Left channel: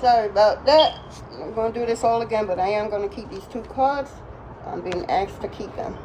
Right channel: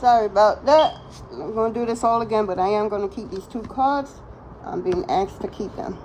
Sorry about that. I'm going to do this all again, but I am going to keep these 2 cards. I'm being asked to keep them.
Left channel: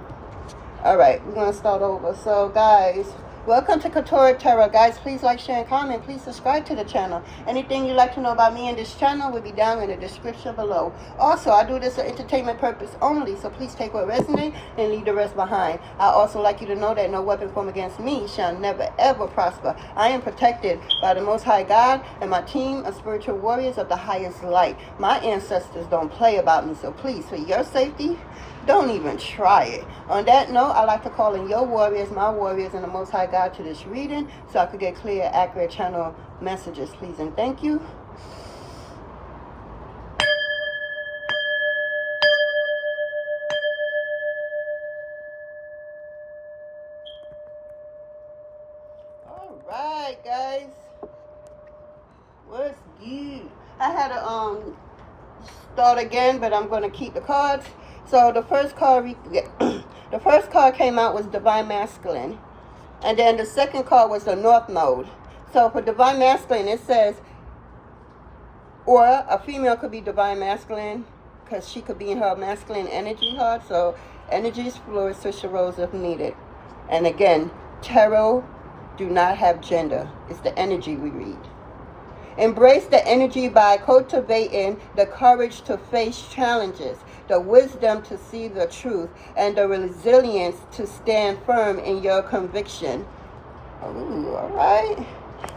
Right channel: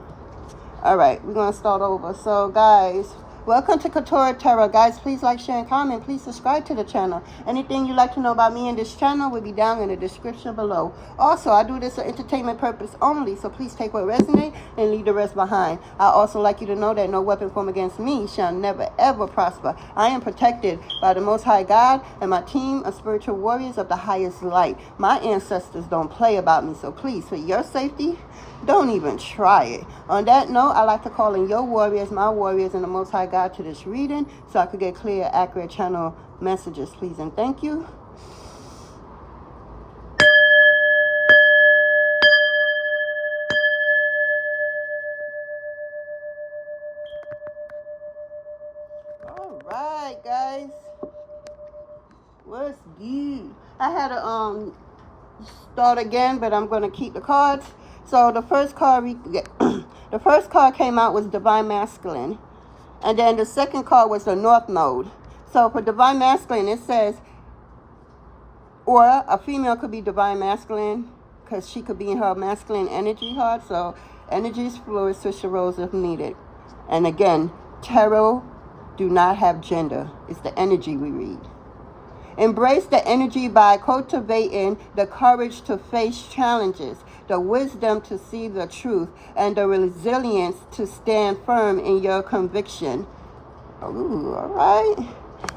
All right, we're going to start over. So, guys, welcome to Quetrah Tarot. Guys, please like, share, and comment. Please subscribe to the channel. Anything you'd like to know about me and this channel will be down in the description below. Also, I do this for entertainment purpose only, so please take what resonates and leave the rest behind. I also like you to know that no weapon formed against me shall never, ever prosper. I am protected by the Most High God and my team of spiritual warriors of the highest light. My ancestors don't play about me, so please, for your safety, don't even try it. On that note, I like to call in your warriors, my warriors, and the Most High God to this reading so I could get clear, accurate channel messages, please, and thank you. All right, guys. What's good? I had to start again, but I'm going to keep the cards. So the first card the first card came out was Divine Masculine, and then the second card was the North Node. So for Divine Masculine, it says, or a female could be Divine Masculine because she could be in her masculine energy heart. So energy is fluid, switch the roles if needed. And again, tarot do not have gender. It's the energy we read. Embrace the energy by cultivating the courage to face challenges, the wisdom to see the truth, and the resilience to stand firm in your conviction. Ooh, all right.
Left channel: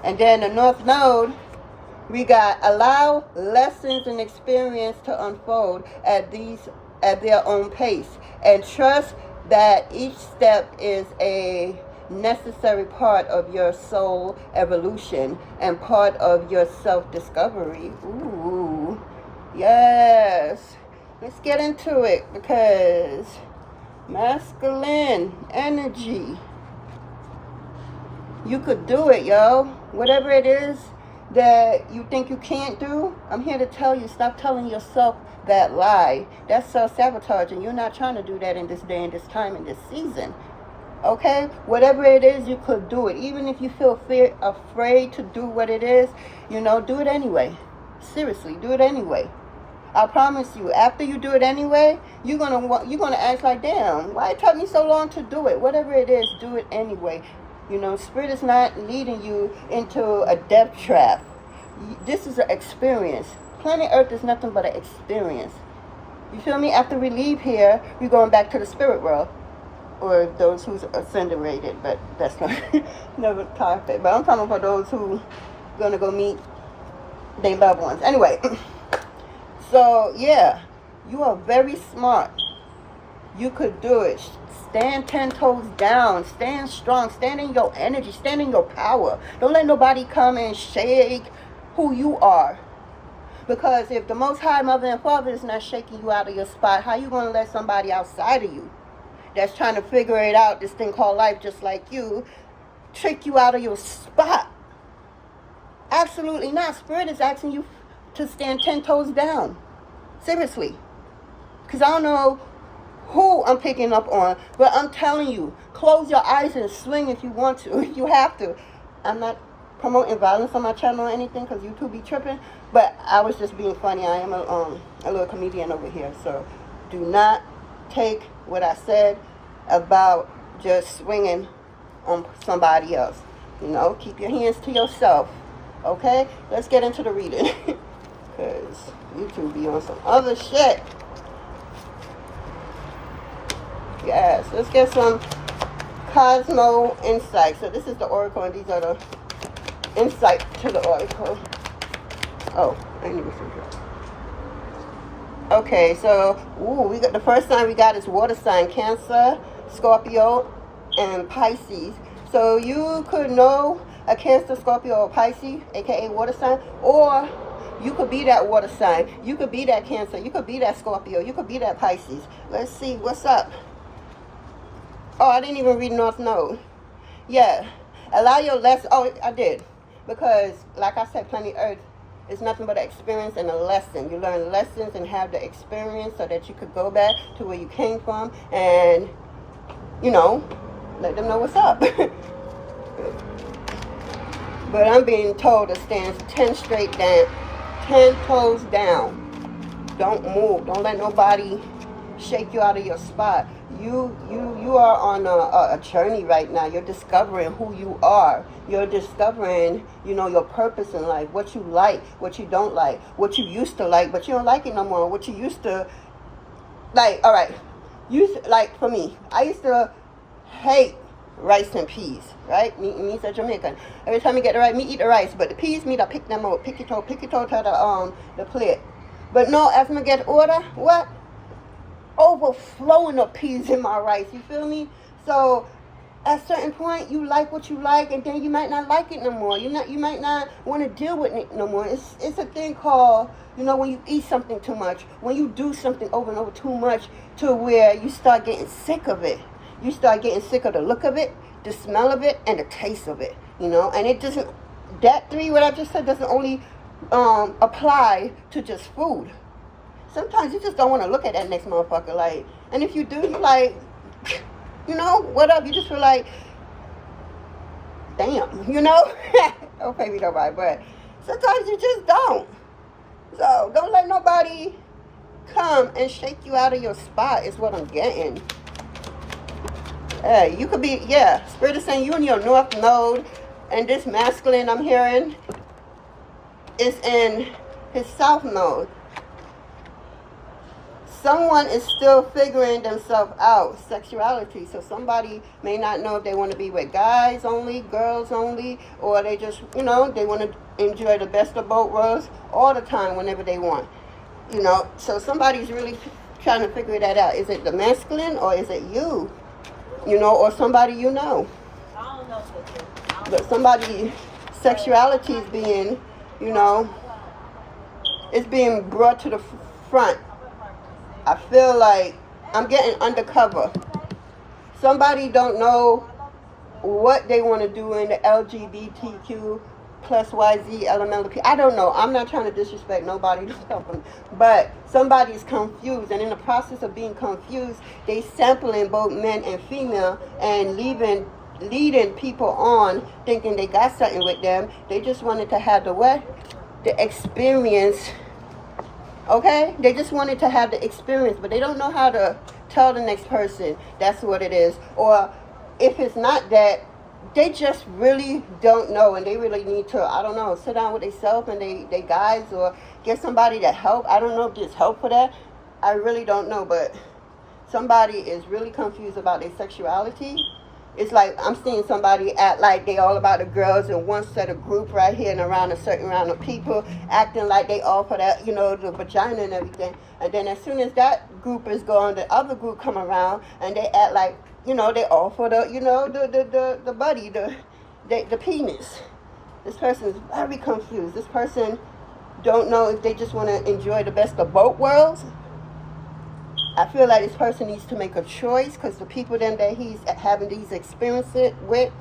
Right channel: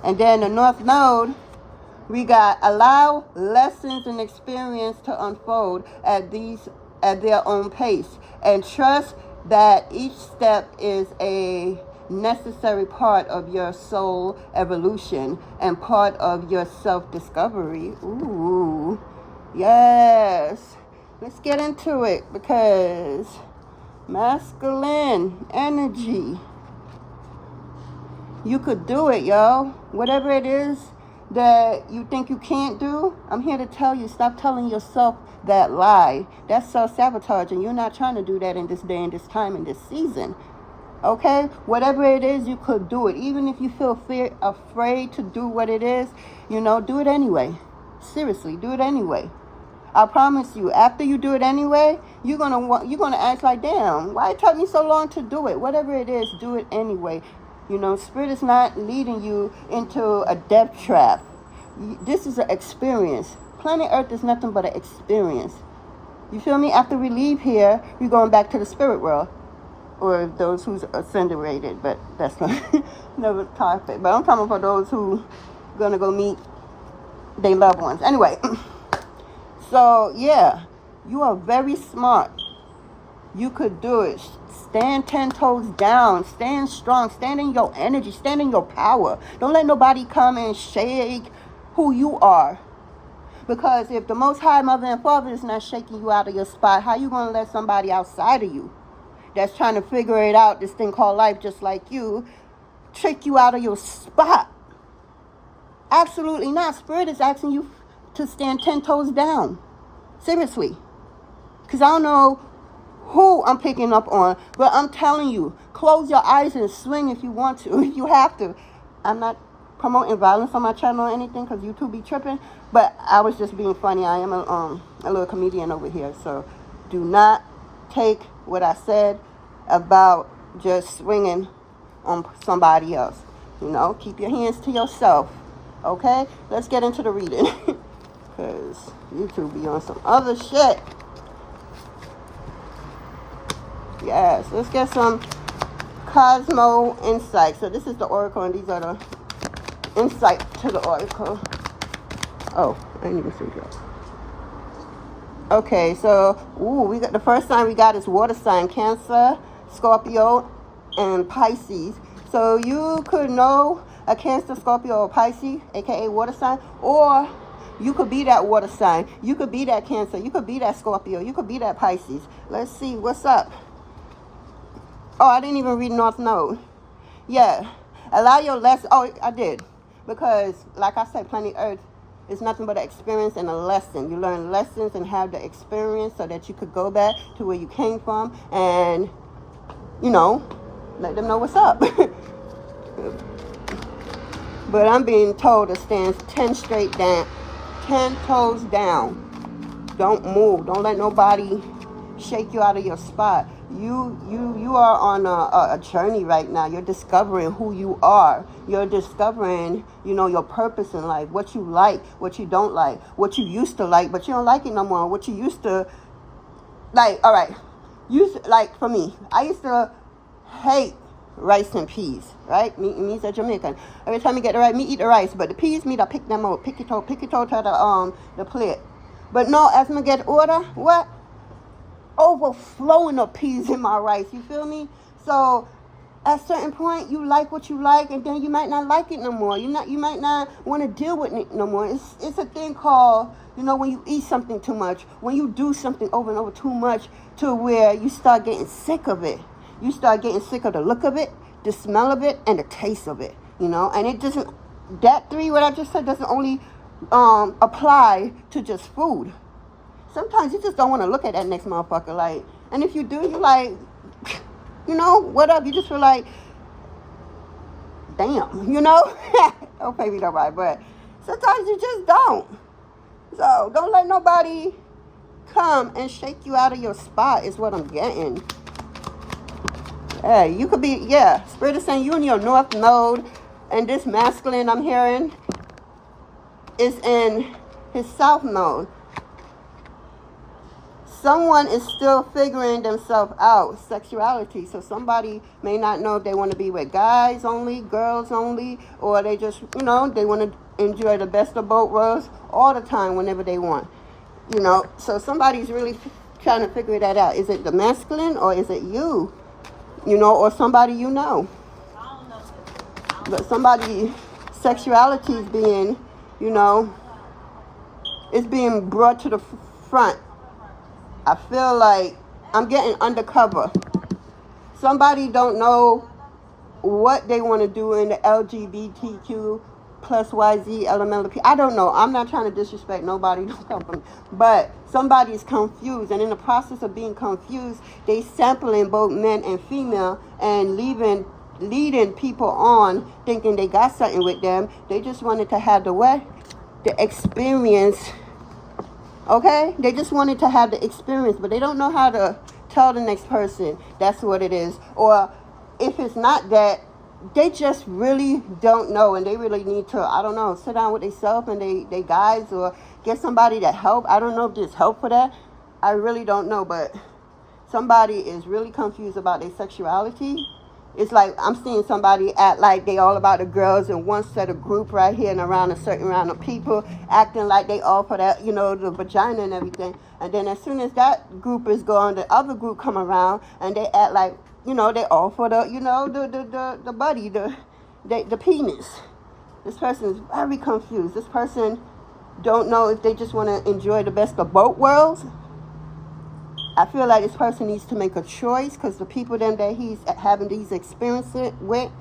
And then the North Node, we got allow lessons and experience to unfold at their own pace, and trust that each step is a necessary part of your soul evolution and part of your self-discovery. Ooh, yes. Let's get into it, because masculine energy, you could do it, yo. Whatever it is that you think you can't do, I'm here to tell you, stop telling yourself that lie. That's self-sabotage, and you're not trying to do that in this day and this time and this season. Okay, whatever it is, you could do it. Even if you feel afraid to do what it is, you know, do it anyway. Seriously, do it anyway. I promise you, after you do it anyway, you're gonna ask like, damn, why it took me so long to do it? Whatever it is, do it anyway. You know, Spirit is not leading you into a death trap. This is an experience. Planet Earth is nothing but an experience. You feel me? After we leave here, we're going back to the spirit world. Or those who's ascended, but that's never topic. But I'm talking for those who gonna go meet their loved ones. Anyway, so yeah, you are very smart. You could do it. Stand 10 toes down. Stand strong. Stand in your energy. Stand in your power. Don't let nobody come and shake who you are. Because if the Most High Mother and Father is not shaking you out of your spot, how you gonna let somebody outside of you that's trying to figure it out, this thing called life, just like you, trick you out of your spot? Absolutely not. Spirit is asking you to stand 10 toes down. Seriously. Because I don't know who I'm picking up on, but I'm telling you, close your eyes and swing if you want to, if you have to. I'm not promoting violence on my channel or anything, because YouTube be tripping, but I was just being funny. I am a little comedian over here, so do not take what I said about just swinging on somebody else. You know, keep your hands to yourself. Okay, let's get into the reading, because YouTube be on some other shit. Yes, let's get some Cosmo insight. So this is the oracle, and these are the insight to the oracle. Oh, I didn't even see that. Okay, so we got the first sign we got is water sign, Cancer, Scorpio, and Pisces. So you could know a Cancer, Scorpio, or Pisces, aka water sign, or you could be that water sign. You could be that Cancer. You could be that Scorpio. You could be that Pisces. Let's see what's up. Oh, I didn't even read North Node. Yeah, allow your lesson. Oh, I did, because like I said, Planet Earth is nothing but an experience and a lesson. You learn lessons and have the experience so that you could go back to where you came from and, you know, let them know what's up. But I'm being told to stand 10 straight down, 10 toes down. Don't move. Don't let nobody shake you out of your spot. You are on a journey right now. You're discovering who you are. You're discovering, you know, your purpose in life, what you like, what you don't like, what you used to like, but you don't like it no more. What you used to like. All right, like for me, I used to hate rice and peas, right? Me's a Jamaican. Every time you get the rice, me eat the rice, but the peas, me, I pick them up, pick it toe to the plate. But no, as me get older, what? Overflowing of peas in my rice, you feel me? So at a certain point, you like what you like, and then you might not like it no more. You might not want to deal with it no more. It's a thing called, you know, when you eat something too much, when you do something over and over too much, to where you start getting sick of it. You start getting sick of the look of it, the smell of it, and the taste of it. You know, and it doesn't. That three, what I just said, doesn't only apply to just food. Sometimes you just don't want to look at that next motherfucker, like, and if you do, you like, you know, what up? You just feel like, damn, you know? Don't pay me nobody, but sometimes you just don't. So don't let nobody come and shake you out of your spot, is what I'm getting. Hey, you could be, yeah, Spirit is saying you in your North Node, and this masculine I'm hearing is in his South Node. Someone is still figuring themselves out, sexuality. So somebody may not know if they want to be with guys only, girls only, or they just, you know, they want to enjoy the best of both worlds all the time whenever they want. You know, so somebody's really trying to figure that out. Is it the masculine or is it you? You know, or somebody you know. I don't know, sister. But somebody's sexuality is being, you know, it's being brought to the front. I feel like I'm getting undercover. Somebody don't know what they want to do in the LGBTQ plus YZ LMLP. I don't know. I'm not trying to disrespect nobody, but somebody's confused, and in the process of being confused, they sampling both men and female and leading people on thinking they got something with them. They just wanted to have the experience. Okay, they just wanted to have the experience, but they don't know how to tell the next person that's what it is. Or if it's not that, they just really don't know, and they really need to, I don't know, sit down with themselves and they guys, or get somebody to help. I don't know if there's help for that. I really don't know, but somebody is really confused about their sexuality. It's like I'm seeing somebody act like they all about the girls in one set of group right here and around a certain round of people, acting like they all for that, you know, the vagina and everything. And then as soon as that group is gone, the other group come around and they act like, you know, they all for the, you know, the buddy, the penis. This person is very confused. This person don't know if they just want to enjoy the best of both worlds. I feel like this person needs to make a choice, because the people then that he's having these experiences with,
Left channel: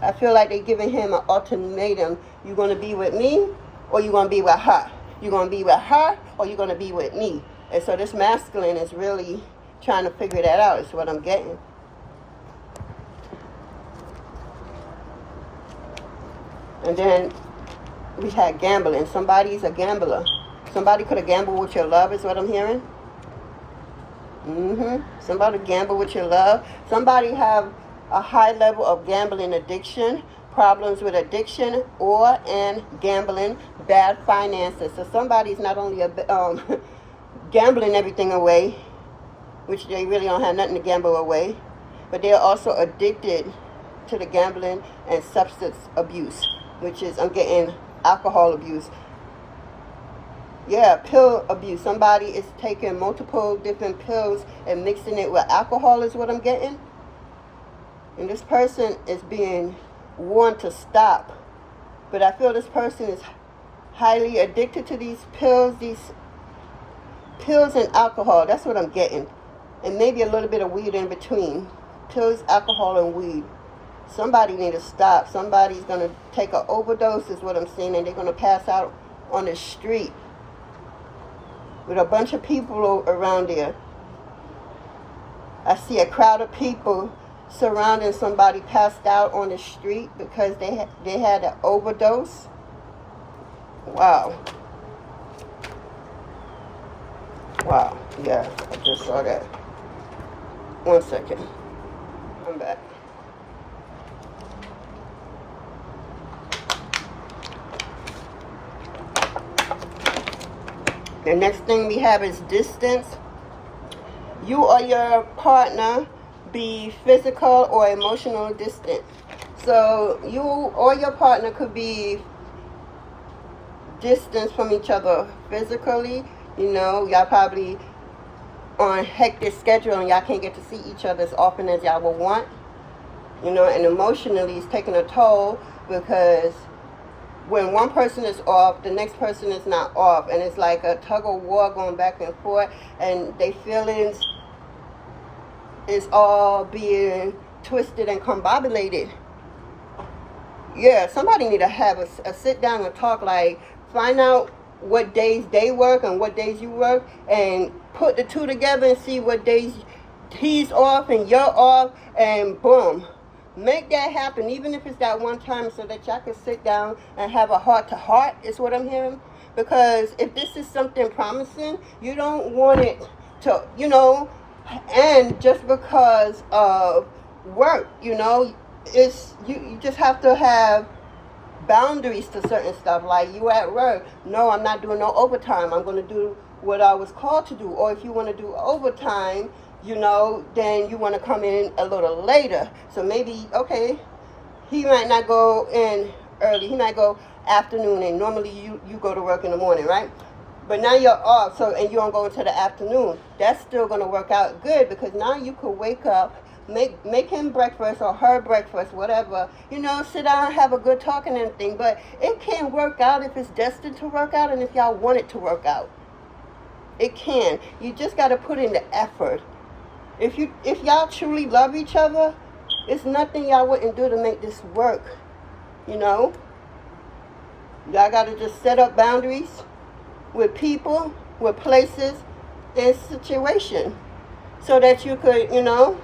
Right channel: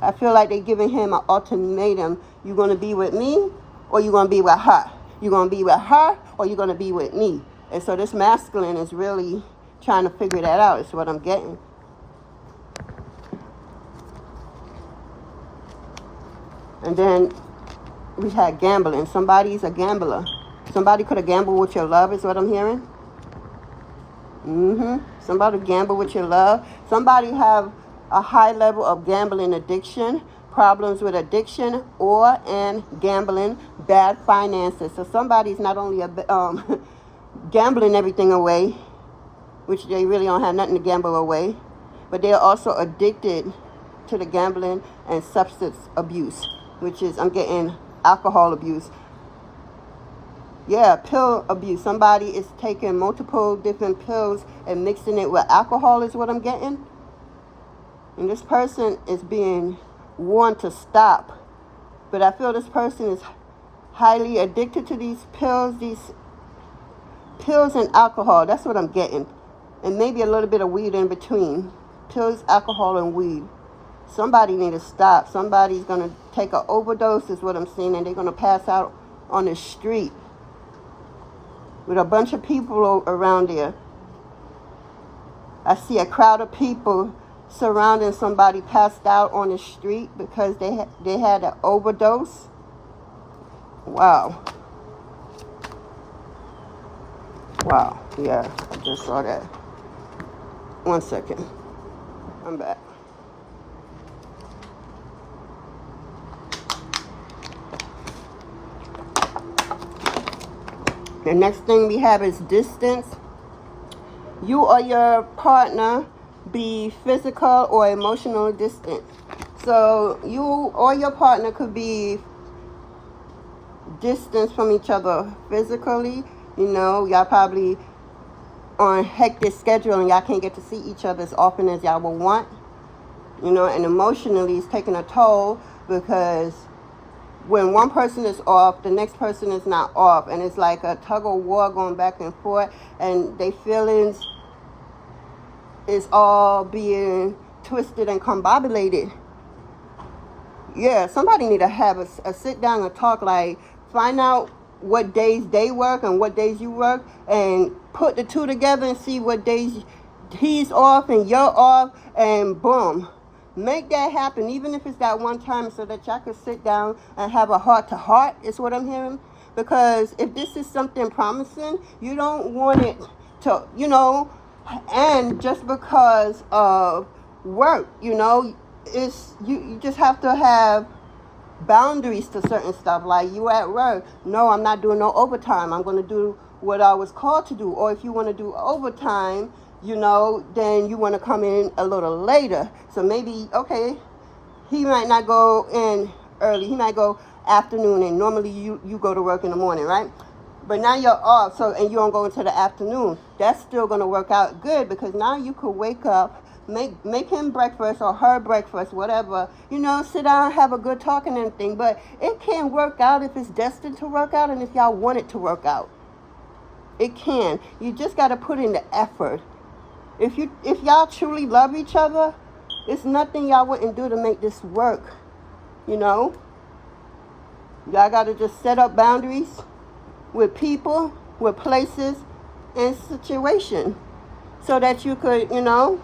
I feel like they're giving him an ultimatum. You're going to be with me, or you're going to be with her. You're going to be with her, or you're going to be with me. And so this masculine is really trying to figure that out, is what I'm getting. And then we had gambling. Somebody's a gambler. Somebody could have gambled with your love, is what I'm hearing. Somebody gamble with your love. Somebody have a high level of gambling addiction, problems with addiction, or in gambling, bad finances. So somebody's not only gambling everything away, which they really don't have nothing to gamble away, but they're also addicted to the gambling and substance abuse, which is, I'm getting alcohol abuse. Yeah, pill abuse. Somebody is taking multiple different pills and mixing it with alcohol, is what I'm getting. And this person is being warned to stop. But I feel this person is highly addicted to these pills and alcohol. That's what I'm getting. And maybe a little bit of weed in between. Pills, alcohol, and weed. Somebody need to stop. Somebody's going to take an overdose, is what I'm seeing, and they're going to pass out on the street with a bunch of people around there. I see a crowd of people surrounding somebody passed out on the street because they had an overdose. Wow. Wow, yeah, I just saw that. 1 second. I'm back. The next thing we have is distance. You or your partner be physical or emotional distant. So you or your partner could be distance from each other physically. You know, y'all probably on hectic schedule and y'all can't get to see each other as often as y'all would want. You know, and emotionally it's taking a toll, because when one person is off, the next person is not off, and it's like a tug of war going back and forth, and their feelings is all being twisted and combobulated. Yeah, somebody need to have a sit down and talk, like find out what days they work and what days you work, and put the two together and see what days he's off and you're off, and boom, make that happen, even if it's that one time, so that y'all can sit down and have a heart-to-heart, is what I'm hearing. Because if this is something promising, you don't want it to, you know, and just because of work, you know, it's you just have to have boundaries to certain stuff. Like you at work, no, I'm not doing no overtime, I'm going to do what I was called to do. Or if you want to do overtime, you know, then you want to come in a little later. So maybe, okay, he might not go in early, he might go afternoon, and normally you go to work in the morning, right? But now you're off, so, and you don't go into the afternoon. That's still going to work out good, because now you could wake up, make him breakfast or her breakfast, whatever, you know, sit down, have a good talk and everything. But it can work out if it's destined to work out, and if y'all want it to work out, it can. You just got to put in the effort. If y'all truly love each other, it's nothing y'all wouldn't do to make this work. You know, y'all got to just set up boundaries with people, with places, and situation, so that you could, you know,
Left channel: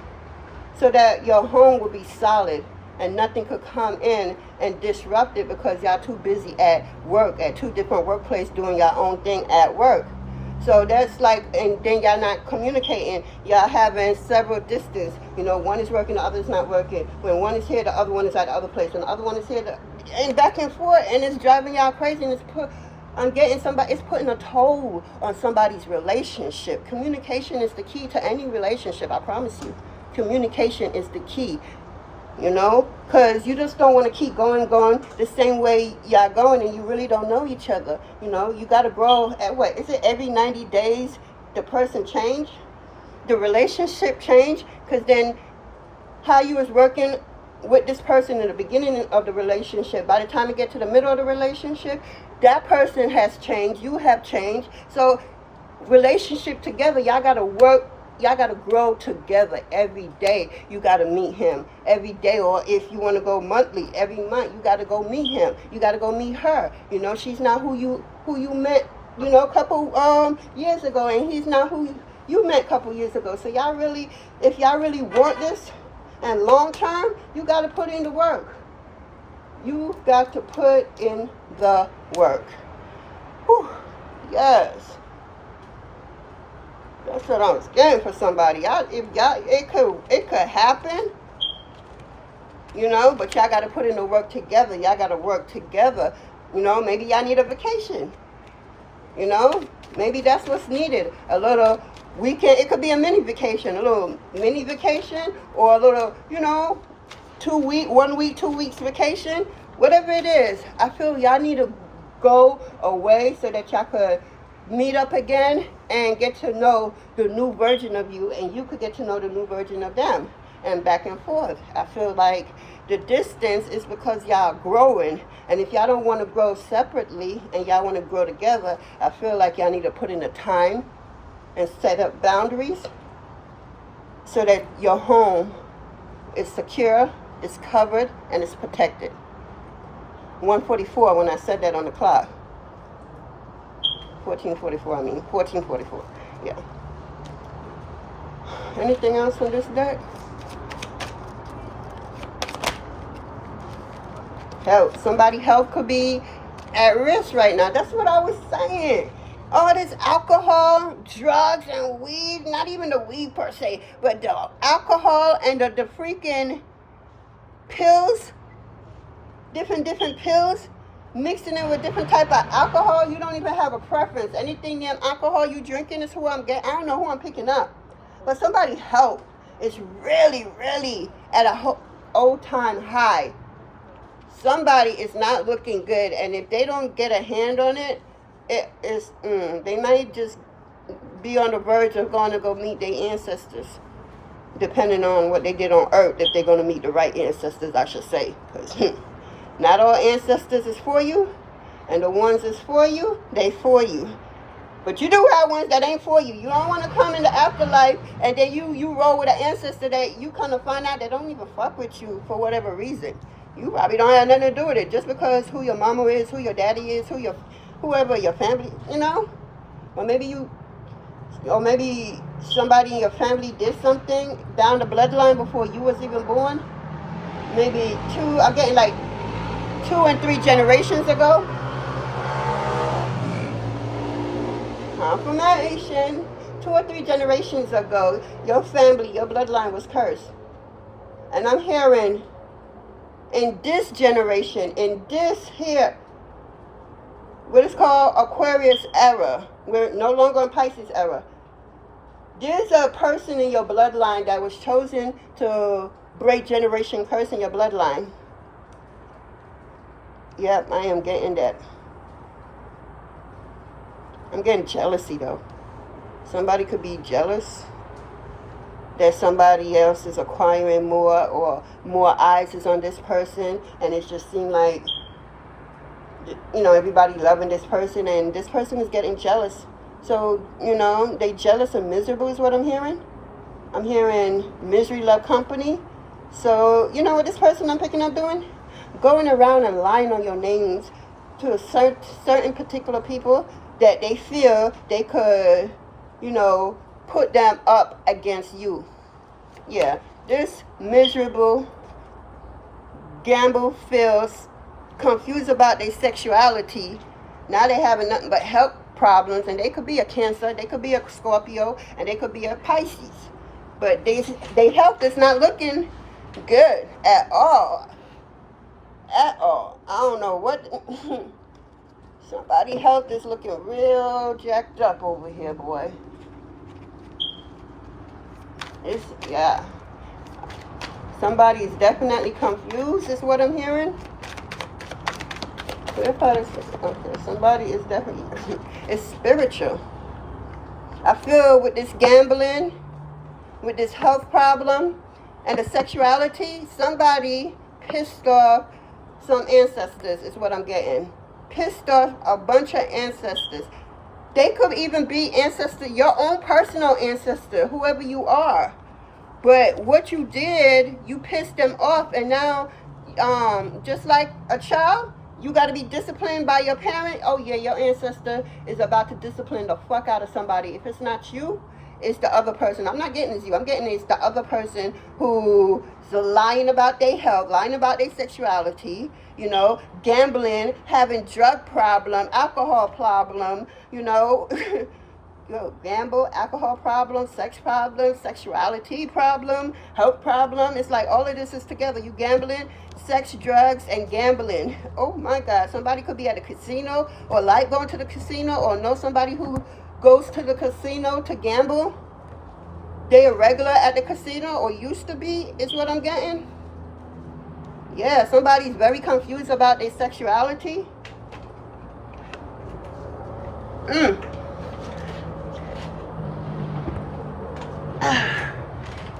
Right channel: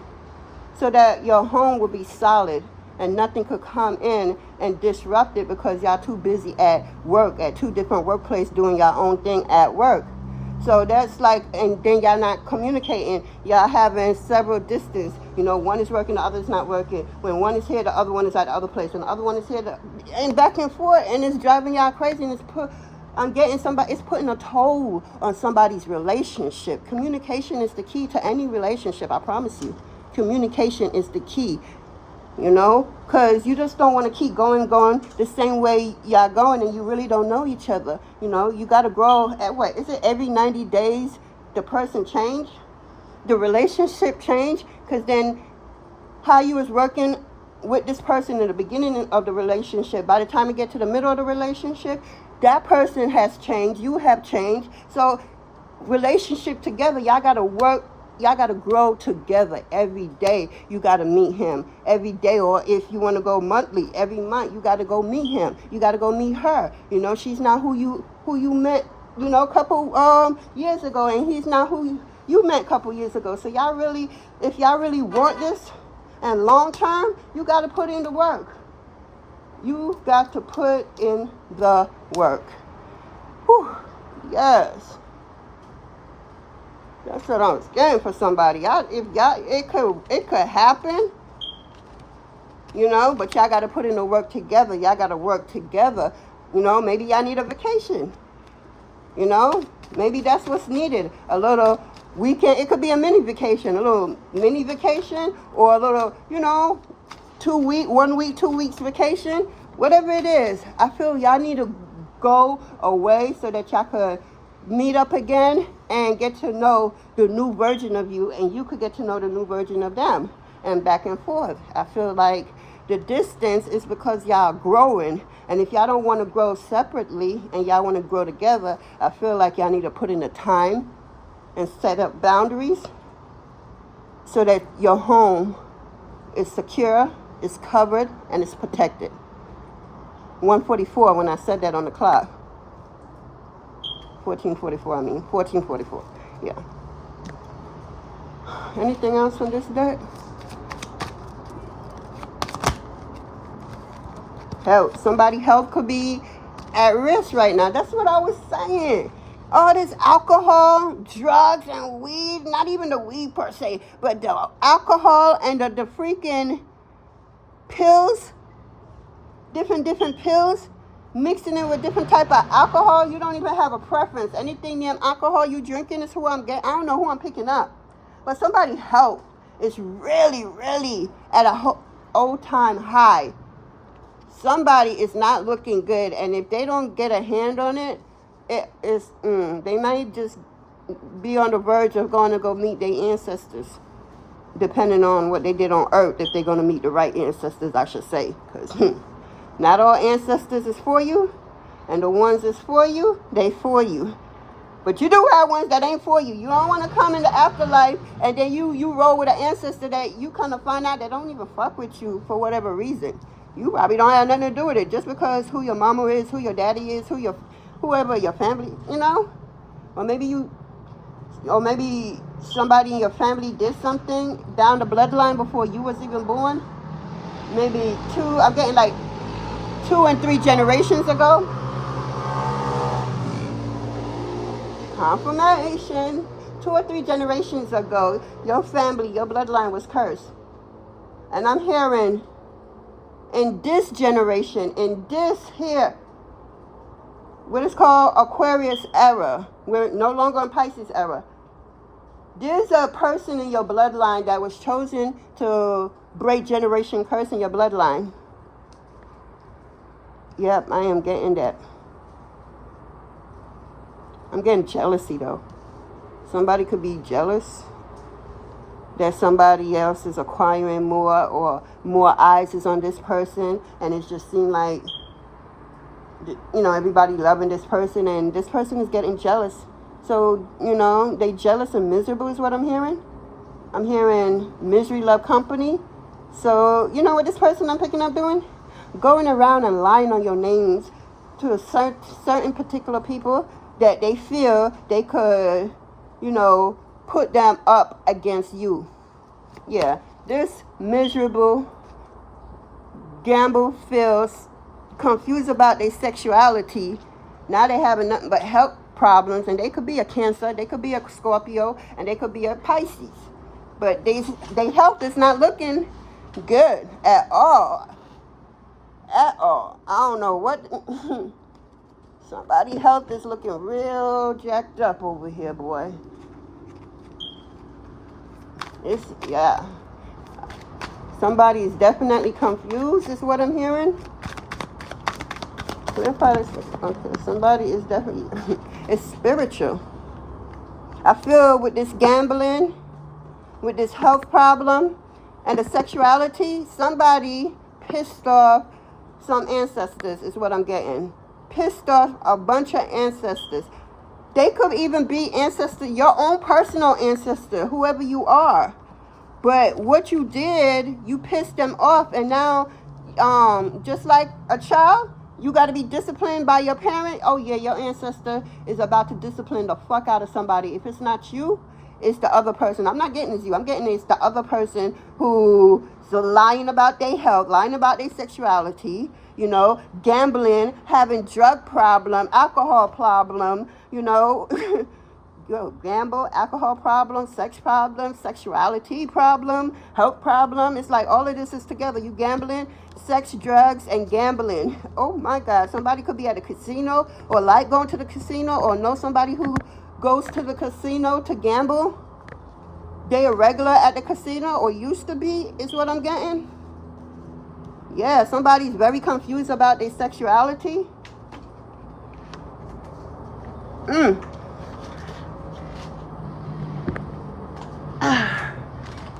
so that your home will be solid and nothing could come in and disrupt it, because y'all too busy at work, at two different workplaces, doing your own thing at work. So that's like, and then y'all not communicating. Y'all having several distance. You know, one is working, the other is not working. When one is here, the other one is at the other place. When the other one is here, and back and forth, and it's driving y'all crazy. And it's putting a toll on somebody's relationship. Communication is the key to any relationship, I promise you. Communication is the key. You know, because you just don't want to keep going the same way y'all going, and you really don't know each other. You know, you got to grow. At what is it, every 90 days the person change, the relationship change? Because then how you was working with this person in the beginning of the relationship, by the time you get to the middle of the relationship, that person has changed, you have changed. So relationship together, y'all got to work. Y'all got to grow together every day. You got to meet him every day. Or if you want to go monthly, every month, you got to go meet him. You got to go meet her. You know, she's not who you met, you know, a couple years ago. And he's not who you met a couple years ago. So y'all really, if y'all really want this and long term, you got to put in the work. You got to put in the work. Whew. Yes. That's what I'm getting for somebody. It could happen, you know, but y'all got to put in the work together. Y'all got to work together. You know, maybe y'all need a vacation. You know, maybe that's what's needed. A little weekend. It could be a mini vacation, a little mini vacation, or a little, you know, 1 week, 2 weeks vacation. Whatever it is, I feel y'all need to go away so that y'all could meet up again and get to know the new version of you, and you could get to know the new version of them, and back and forth. I feel like the distance is because y'all growing, and if y'all don't want to grow separately and y'all want to grow together, I feel like y'all need to put in the time and set up boundaries so that your home is secure, is covered, and is protected. 1:44 when I said that on the clock. 14:44, I mean, 14:44, yeah. Anything else on this deck? Health. Somebody's health could be at risk right now. That's what I was saying. all this alcohol, drugs, and weed, not even the weed per se, but the alcohol and the freaking pills, different pills, mixing it with different type of alcohol. You don't even have a preference. Anything damn alcohol you drinking is who I'm getting. I don't know who I'm picking up. But somebody's health is really, really at a all-time high. Somebody is not looking good. And if they don't get a hand on it, they might just be on the verge of going to go meet their ancestors. Depending on what they did on earth, if they're going to meet the right ancestors, I should say. Because not all ancestors is for you, and the ones that's for you, they for you. But you do have ones that ain't for you. You don't want to come in the afterlife, and then you roll with an ancestor that you kind of find out they don't even fuck with you for whatever reason. You probably don't have nothing to do with it. Just because who your mama is, who your daddy is, whoever your family, you know? Or maybe somebody in your family did something down the bloodline before you was even born. Maybe I'm getting like 2 and 3 generations ago. Confirmation. 2 or 3 generations ago, your family, your bloodline was cursed. And I'm hearing in this generation, in this here, what is called Aquarius era. We're no longer in Pisces era. There's a person in your bloodline that was chosen to break generation curse in your bloodline. Yep, I am getting that. I'm getting jealousy though. Somebody could be jealous that somebody else is acquiring more, or more eyes is on this person, and it just seems like, you know, everybody loving this person, and this person is getting jealous. So, you know, they jealous and miserable is what I'm hearing. I'm hearing misery love company. So, you know what this person I'm picking up doing? Going around and lying on your names to a certain particular people that they feel they could, you know, put them up against you. Yeah, this miserable gamble feels confused about their sexuality. Now they having nothing but health problems, and they could be a Cancer, they could be a Scorpio, and they could be a Pisces. But their health is not looking good at all. At all. I don't know what. Somebody's health is looking real jacked up over here, boy. Yeah. Somebody is definitely confused, is what I'm hearing. Okay, somebody is definitely, it's spiritual. I feel with this gambling, with this health problem, and the sexuality, somebody pissed off some ancestors, is what I'm getting. Pissed off a bunch of ancestors. They could even be ancestor, your own personal ancestor, whoever you are. But what you did, you pissed them off, and now, just like a child, you got to be disciplined by your parent. Oh yeah, your ancestor is about to discipline the fuck out of somebody. If it's not you, it's the other person. I'm not getting it's you. I'm getting it's the other person who's lying about their health, lying about their sexuality, you know, gambling, having drug problem, alcohol problem, you know. Gamble, alcohol problem, sex problem, sexuality problem, health problem. It's like all of this is together. You gambling, sex, drugs, and gambling. Oh my God. Somebody could be at a casino, or like going to the casino, or know somebody who goes to the casino to gamble. They are regular at the casino, or used to be, is what I'm getting. Yeah, somebody's very confused about their sexuality.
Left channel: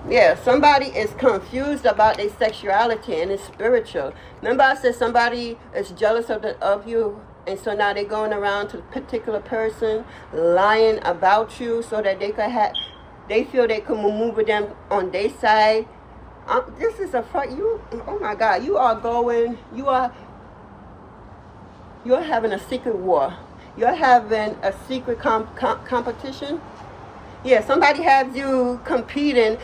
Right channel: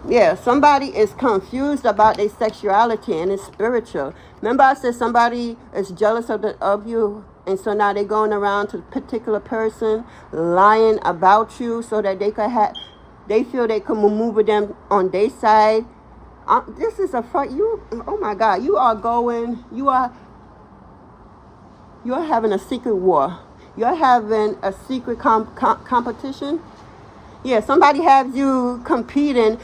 Yeah, somebody is confused about their sexuality, and it's spiritual. Remember I said somebody is jealous of you, and so now they're going around to a particular person, lying about you so that they feel they can maneuver them on their side. This is oh my God, you're having a secret war. You're having a secret competition. Yeah, somebody has you competing.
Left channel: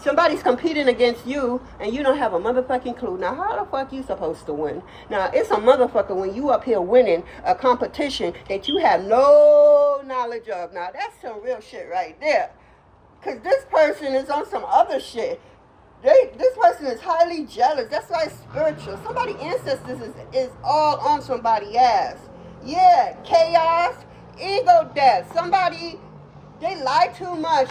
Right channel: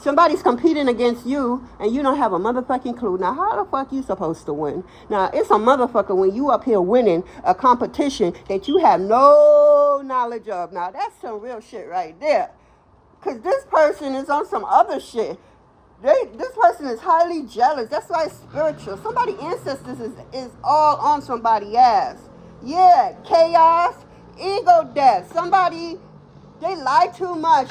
Somebody's competing against you, and you don't have a motherfucking clue. Now, how the fuck you supposed to win? Now, it's a motherfucker when you up here winning a competition that you have no knowledge of. Now, that's some real shit right there. Because this person is on some other shit. This person is highly jealous. That's why it's spiritual. Somebody ancestors is all on somebody's ass. Yeah, chaos, ego death. Somebody, they lie too much.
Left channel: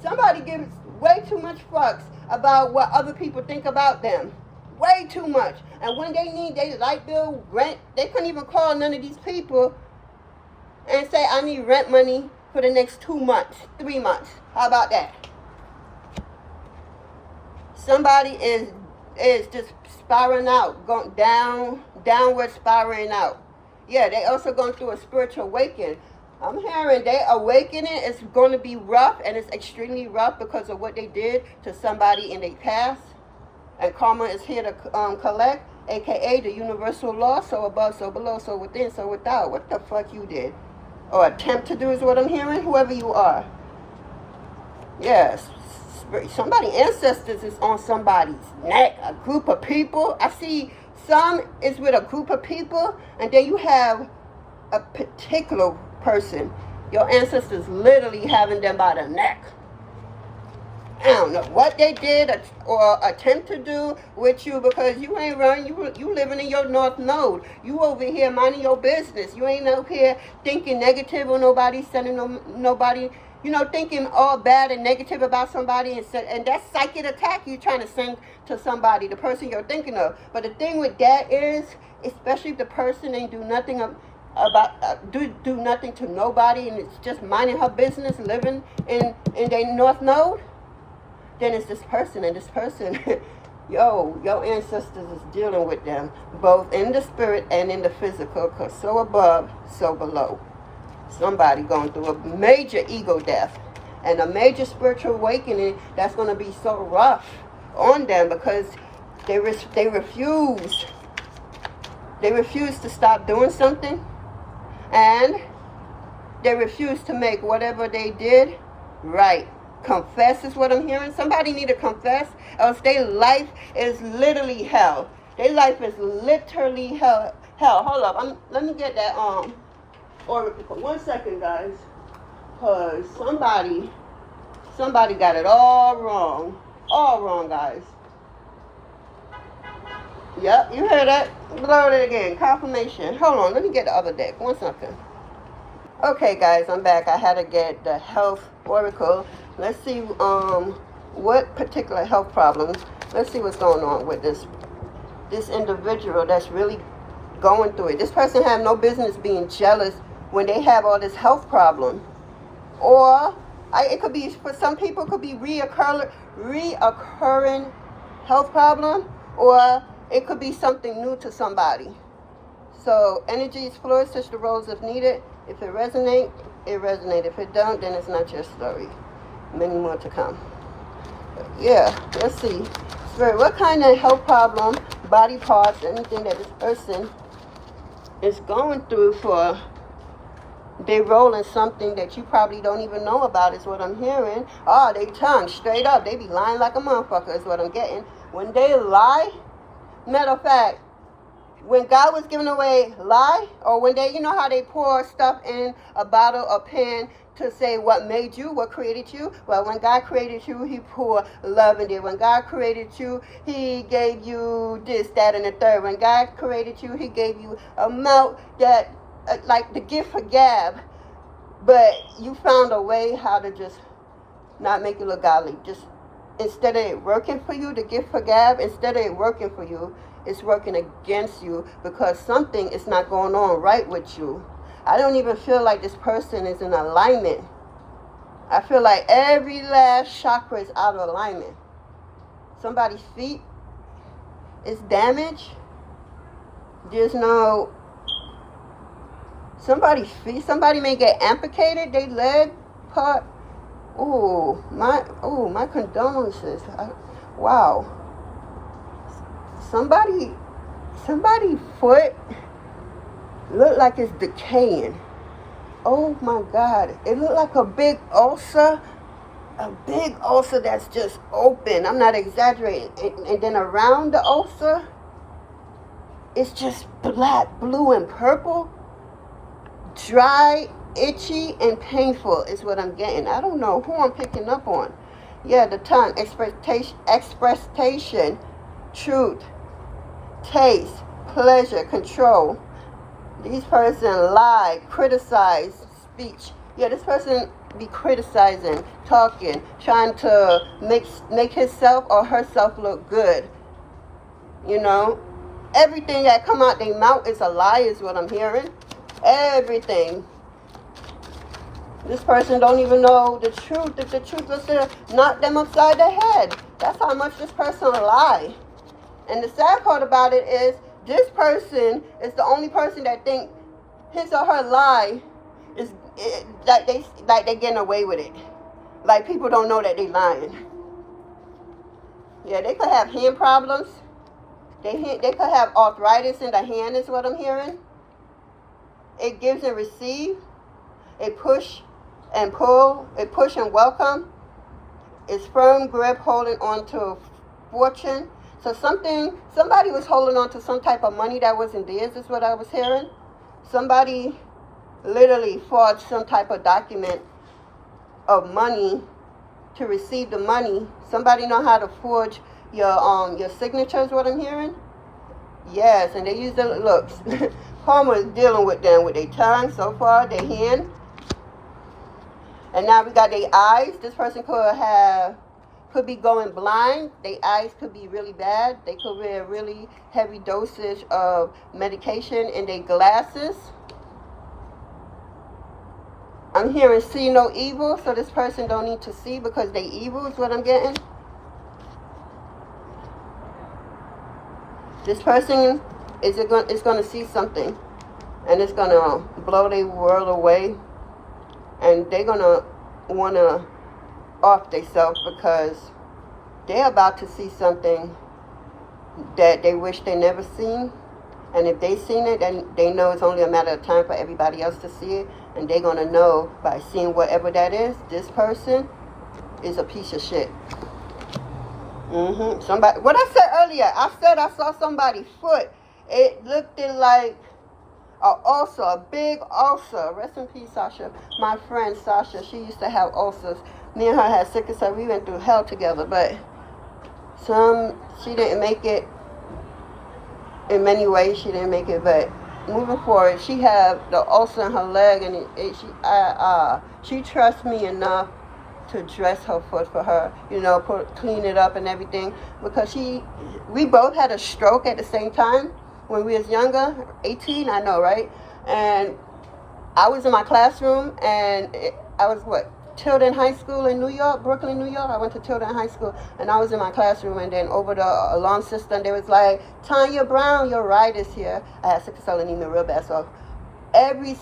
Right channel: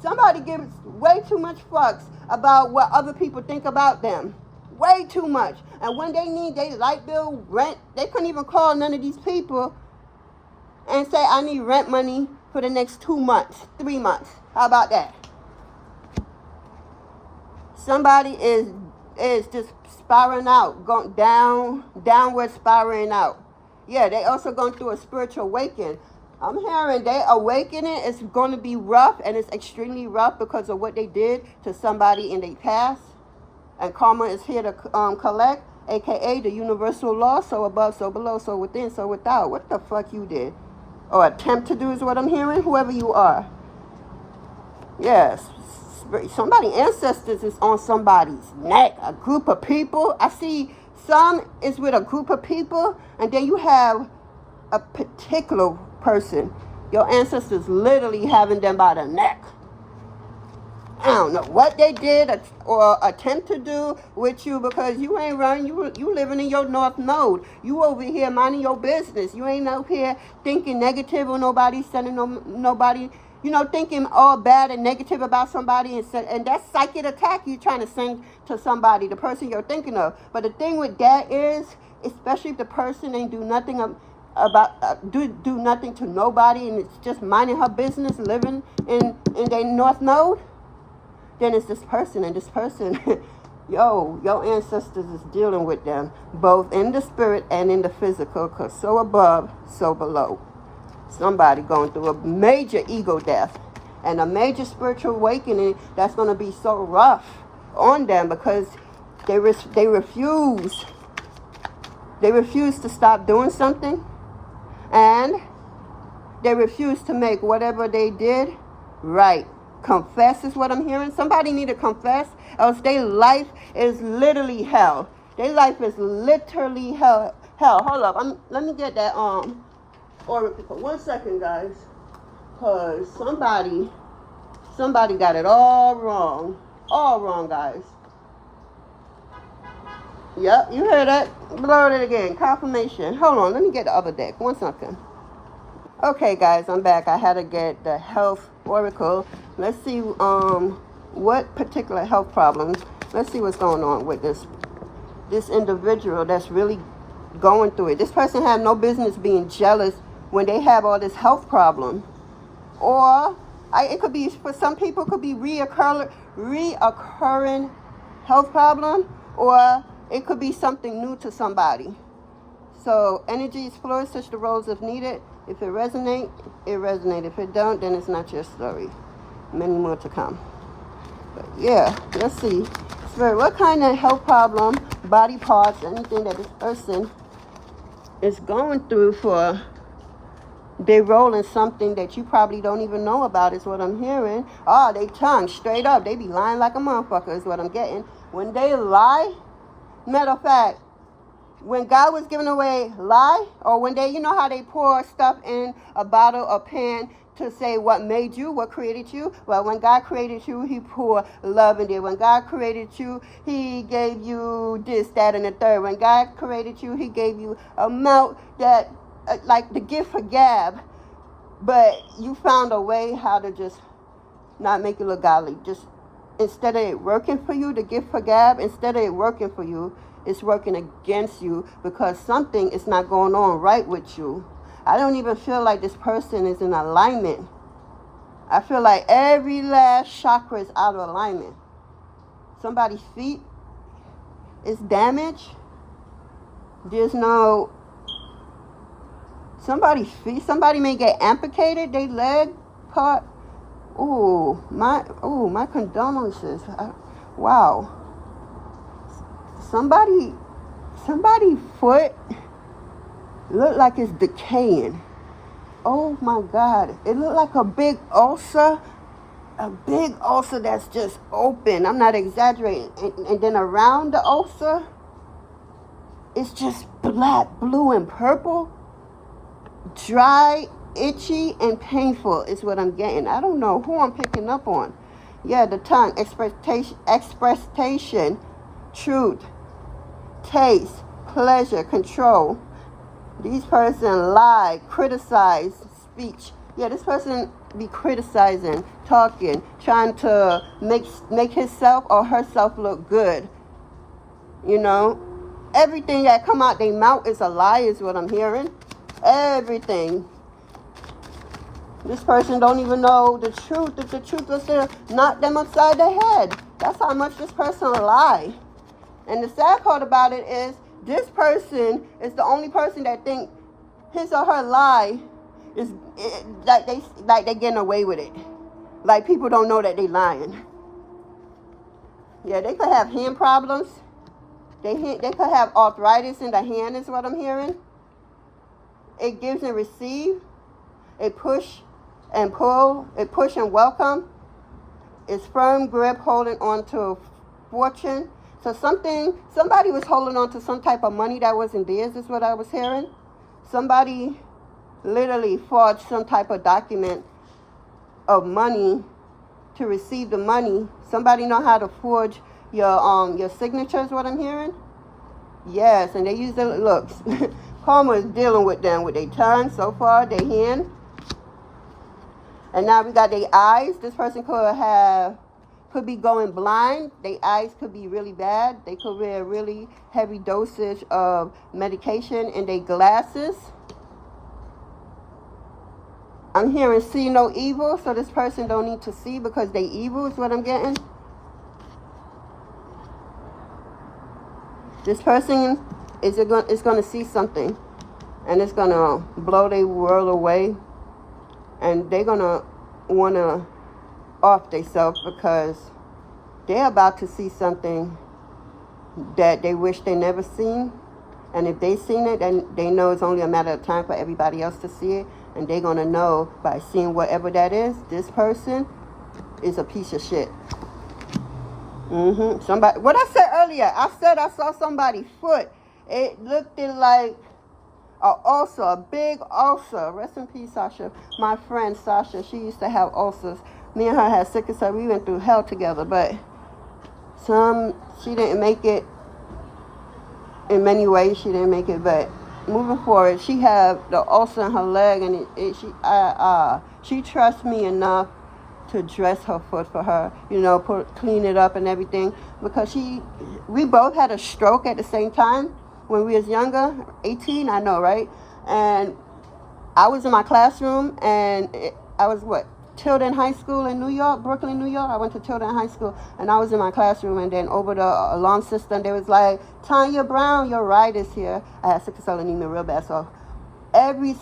Somebody gives way too much fucks about what other people think about them. Way too much. And when they need their light bill, rent, they couldn't even call none of these people and say, I need rent money for the next 2 months, 3 months. How about that? Somebody is just spiraling out, going downward spiraling out. Yeah, they also going through a spiritual awakening. I'm hearing they awakening is going to be rough, and it's extremely rough because of what they did to somebody in their past. And karma is here to collect, aka the universal law, so above, so below, so within, so without. What the fuck you did? Or attempt to do is what I'm hearing, whoever you are. Yes, somebody ancestors is on somebody's neck, a group of people. I see some is with a group of people, and then you have a particular person. Your ancestors literally having them by the neck. I don't know what they did or attempt to do with you, because you ain't running. You living in your north node. You over here minding your business. You ain't up here thinking negative on nobody, sending nobody, thinking all bad and negative about somebody, and that's psychic attack you trying to send to somebody, the person you're thinking of. But the thing with that is, especially if the person ain't do nothing do nothing to nobody, and it's just minding her business, living in their north node, then it's this person, and this person, your ancestors is dealing with them, both in the spirit and in the physical, because so above, so below. Somebody going through a major ego death and a major spiritual awakening that's going to be so rough on them, because they refuse to stop doing something, and they refuse to make whatever they did right. Confess is what I'm hearing. Somebody need to confess, else their life is literally hell. Their life is literally hell. Hold up, let me get that oracle for 1 second, guys, because somebody got it all wrong, guys. Yep, you heard that. Blow it again. Confirmation. Hold on, let me get the other deck. 1 second. Okay, guys, I'm back. I had to get the health oracle. Let's see what particular health problems. Let's see what's going on with this individual that's really going through it. This person have no business being jealous when they have all this health problem. Or it could be, for some people, could be reoccurring health problem, or it could be something new to somebody. So energy is fluid, switch the roles if needed. If it resonates, it resonates. If it don't, then it's not your story. Many more to come. But yeah, let's see. Spirit, what kind of health problem, body parts, anything that this person is going through for their role in something that you probably don't even know about is what I'm hearing. Oh, they tongue straight up. They be lying like a motherfucker is what I'm getting. When they lie, matter of fact, when God was giving away lie, or when they, how they pour stuff in a bottle or pan to say what made you, what created you. Well, when God created you, he poured love in there. When God created you, he gave you this, that, and the third. When God created you, he gave you a mouth that, like the gift for gab, but you found a way how to just not make it look godly. Just instead of it working for you, the gift for gab, instead of it working for you, it's working against you, because something is not going on right with you. I don't even feel like this person is in alignment. I feel like every last chakra is out of alignment. Somebody's feet is damaged. There's no... Somebody's feet, somebody may get amputated, their leg part. My condolences. Wow. Somebody foot look like it's decaying. Oh my God. It looked like a big ulcer that's just open. I'm not exaggerating. And then around the ulcer, it's just black, blue, and purple. Dry Itchy and painful is what I'm getting. I don't know who I'm picking up on. Yeah, the tongue, expression, truth, taste, pleasure, control. These person lie, criticize, speech. Yeah, this person be criticizing, talking, trying to make himself or herself look good. You know, everything that come out their mouth is a lie, is what I'm hearing. Everything. This person don't even know the truth. If the truth is to knock them upside the head. That's how much this person lie. And the sad part about it is, this person is the only person that think his or her lie is like they getting away with it. Like people don't know that they lying. Yeah, they could have hand problems. They could have arthritis in the hand, is what I'm hearing. It gives and receive. It push and pull. It push and welcome. It's firm grip holding on to fortune. So somebody was holding on to some type of money that wasn't theirs, is what I was hearing. Somebody literally forged some type of document of money to receive the money. Somebody know how to forge your signature, is what I'm hearing. Yes, and they use the looks. Karma is dealing with them with their tongue so far, their hand. And now we got their eyes. This person could be going blind. Their eyes could be really bad. They could wear really heavy dosage of medication in their glasses. I'm hearing see no evil, so this person don't need to see because they evil is what I'm getting. This person is going to see something, and it's going to blow their world away, and they're going to want to off themselves because they're about to see something that they wish they never seen. And if they seen it, then they know it's only a matter of time for everybody else to see it. And they're going to know by seeing whatever that is, this person is a piece of shit. Somebody, what I said earlier, I said I saw somebody's foot. It looked like a ulcer, a big ulcer. Rest in peace, Sasha. My friend Sasha, she used to have ulcers. Me and her had sickle cell. We went through hell together, but she didn't make it. In many ways, she didn't make it, but moving forward, she had the ulcer in her leg, and she trusts me enough to dress her foot for her, you know, clean it up and everything, because we both had a stroke at the same time when we was younger, 18, I know, right? And I was in my classroom, and I was Tilden High School in New York, Brooklyn, New York. I went to Tilden High School, and I was in my classroom, and then over the alarm system, they was like, Tanya Brown, your ride is here. I had sickle cell anemia real bad, so every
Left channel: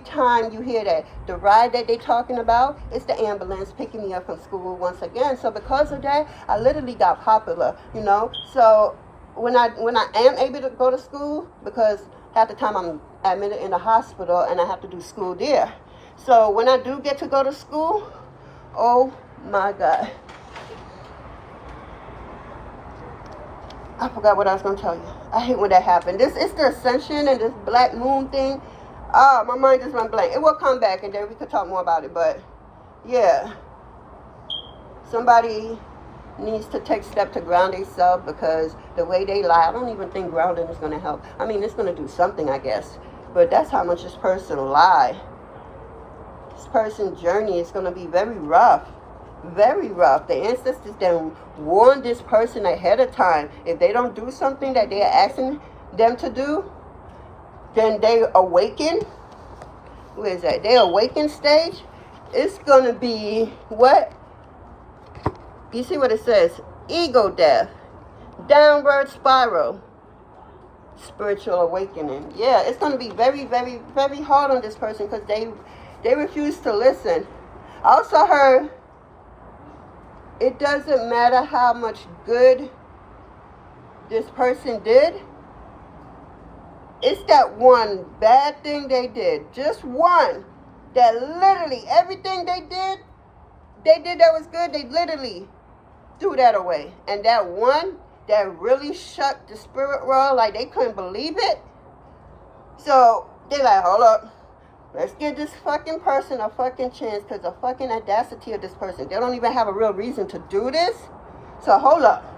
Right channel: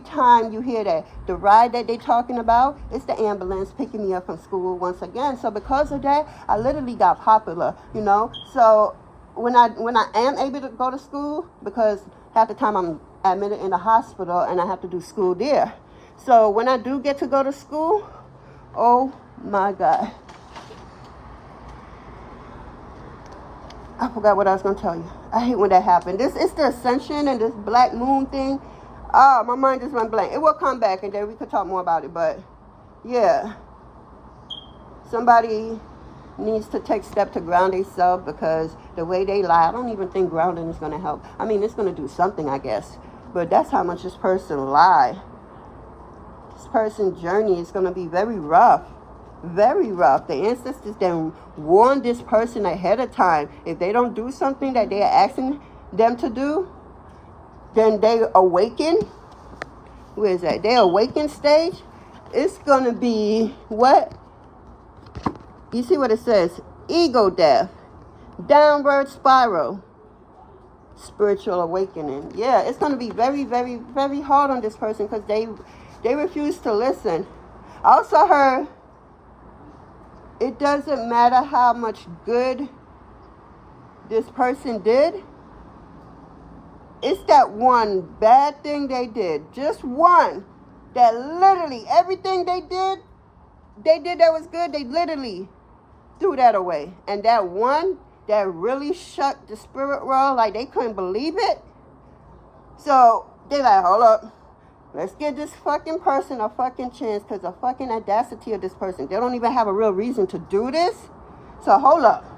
time you hear that, the ride that they talking about, it's the ambulance picking me up from school once again. So because of that, I literally got popular, you know. So when I am able to go to school, because half the time I'm admitted in the hospital and I have to do school there. So when I do get to go to school, oh my God. I forgot what I was going to tell you. I hate when that happened. This is the ascension and this black moon thing. My mind just went blank. It will come back and then we could talk more about it. But yeah, somebody needs to take step to ground themselves, because the way they lie, I don't even think grounding is going to help. I mean, it's going to do something, I guess. But that's how much this person lie. This person's journey is going to be very rough. Very rough. The ancestors then warned this person ahead of time. If they don't do something that they're asking them to do, then they awaken. Where is that? They awaken stage. It's going to be what? You see what it says? Ego death. Downward spiral. Spiritual awakening. Yeah, it's going to be very, very, very hard on this person, because they refuse to listen. I also heard it doesn't matter how much good this person did. It's that one bad thing they did. Just one. That literally everything they did that was good, they literally threw that away. And that one that really shut the spirit world, like they couldn't believe it. So they're like, hold up. Let's give this fucking person a fucking chance, because the fucking audacity of this person. They don't even have a real reason to do this. So hold up.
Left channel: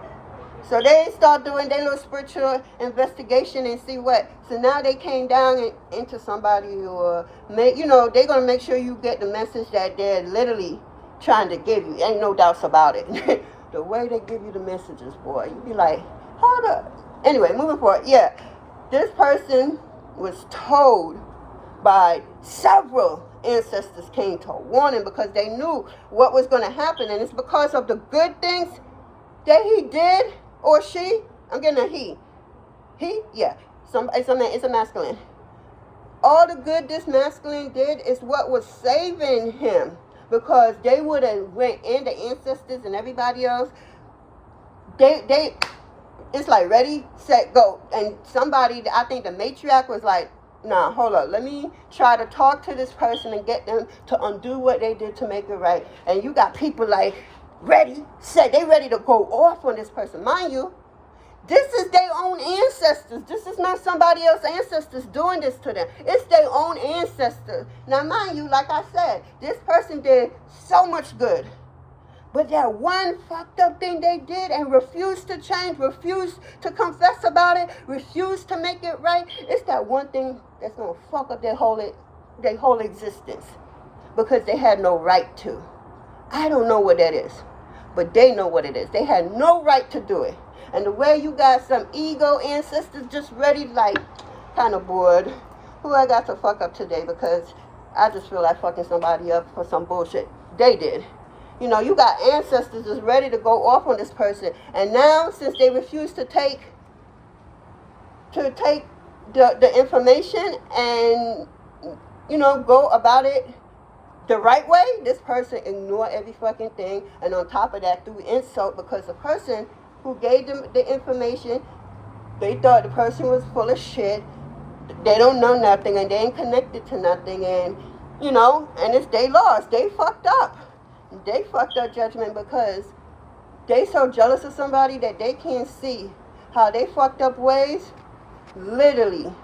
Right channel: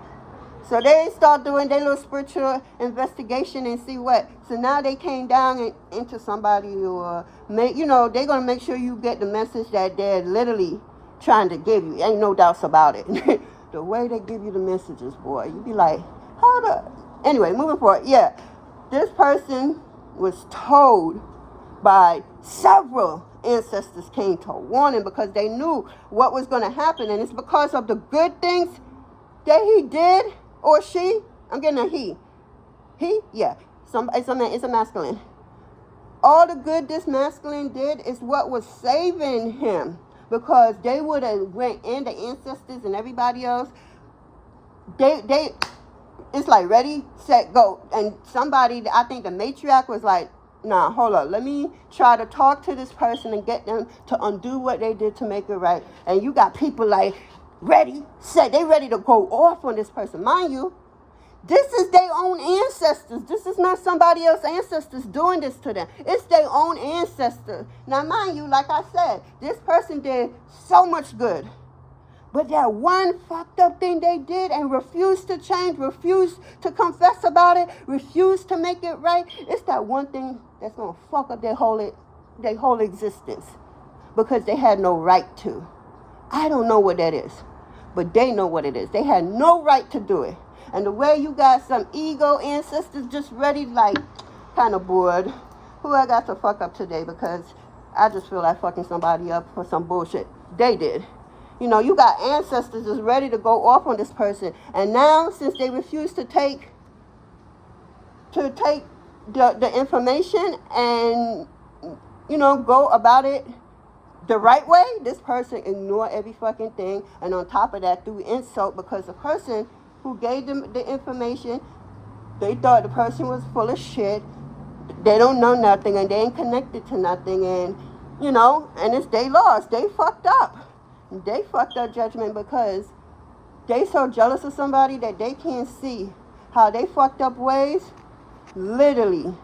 So they start doing their little spiritual investigation and see what. So now they came down into somebody, or, you know, they're going to make sure you get the message that they're literally trying to give you. Ain't no doubts about it. The way they give you the messages, boy, you be like, hold up. Anyway, moving forward. Yeah, this person was told by several ancestors, came to warn him, because they knew what was going to happen. And it's because of the good things that he did, or she. I'm getting a he. He? Yeah. It's a masculine. All the good this masculine did is what was saving him. Because they would have went in, the ancestors and everybody else. It's like ready, set, go. And somebody, I think the matriarch was like, nah, hold up. Let me try to talk to this person and get them to undo what they did to make it right. And you got people like, ready, set. They ready to go off on this person. Mind you, this is their own ancestors. This is not somebody else's ancestors doing this to them. It's their own ancestors. Now, mind you, like I said, this person did so much good. But that one fucked up thing they did and refused to change, refused to confess about it, refused to make it right, it's that one thing that's going to fuck up their whole existence. Because they had no right to. I don't know what that is. But they know what it is. They had no right to do it. And the way you got some ego ancestors just ready, like, kind of bored. Who I got to fuck up today, because I just feel like fucking somebody up for some bullshit they did. You know, you got ancestors just ready to go off on this person. And now, since they refuse to take the information and, you know, go about it the right way, this person ignored every fucking thing. And on top of that, threw insult, because the person who gave them the information, they thought the person was full of shit. They don't know nothing, and they ain't connected to nothing, and, you know, and they lost. They fucked up. They fucked up judgment, because they so jealous of somebody that they can't see how they fucked up ways literally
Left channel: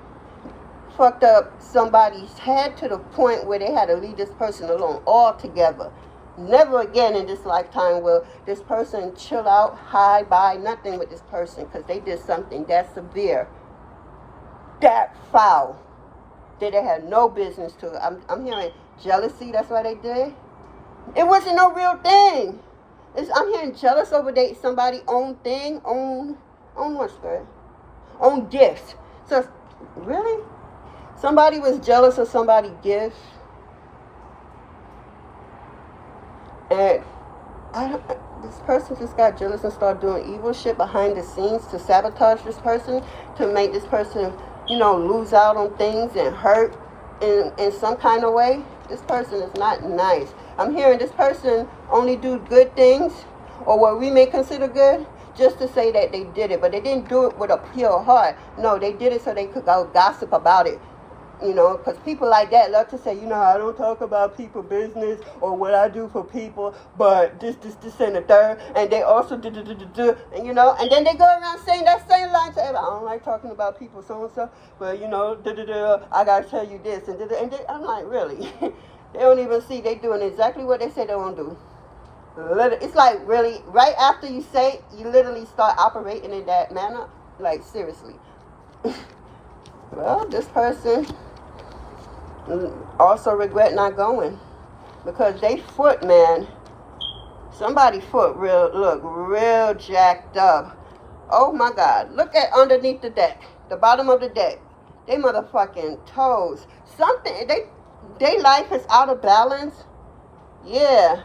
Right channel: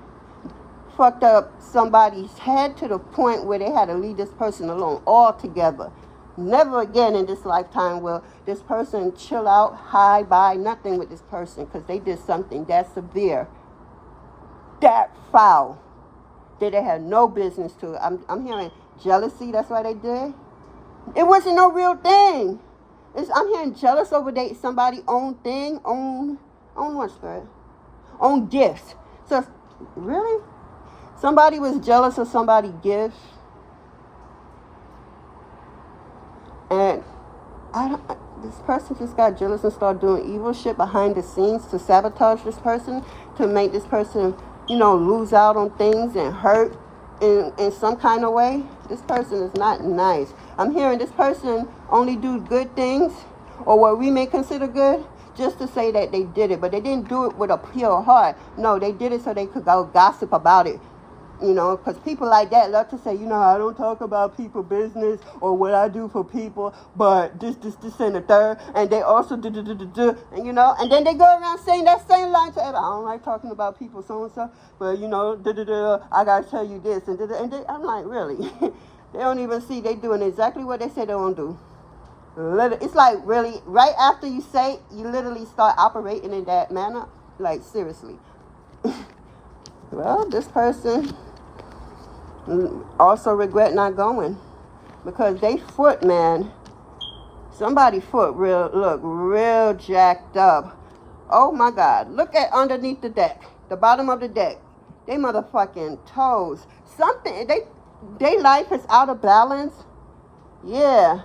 fucked up somebody's head to the point where they had to leave this person alone altogether. Never again in this lifetime will this person chill out, high, by nothing with this person, because they did something that severe, that foul, that they had no business to. I'm hearing jealousy, that's why they did. It wasn't no real thing. I'm hearing jealous over somebody's own thing, own what, Spirit? Own gifts. So, really? Somebody was jealous of somebody's gifts. And this person just got jealous and started doing evil shit behind the scenes to sabotage this person, to make this person, you know, lose out on things and hurt in some kind of way. This person is not nice. I'm hearing this person only do good things, or what we may consider good, just to say that they did it. But they didn't do it with a pure heart. No, they did it so they could go gossip about it. You know, because people like that love to say, you know, I don't talk about people business or what I do for people, but this, and the third, and they also do, and you know, and then they go around saying that same line to everybody. I don't like talking about people so and so, but you know, I gotta tell you this, and I'm like, really? They don't even see they doing exactly what they say they won't do. It's like, really, right after you say it, you literally start operating in that manner. Like, seriously. Well, this person also regret not going, because they foot, man, somebody foot real jacked up. Oh my God, look at underneath the deck, the bottom of the deck, they motherfucking toes, something, they life is out of balance. Yeah,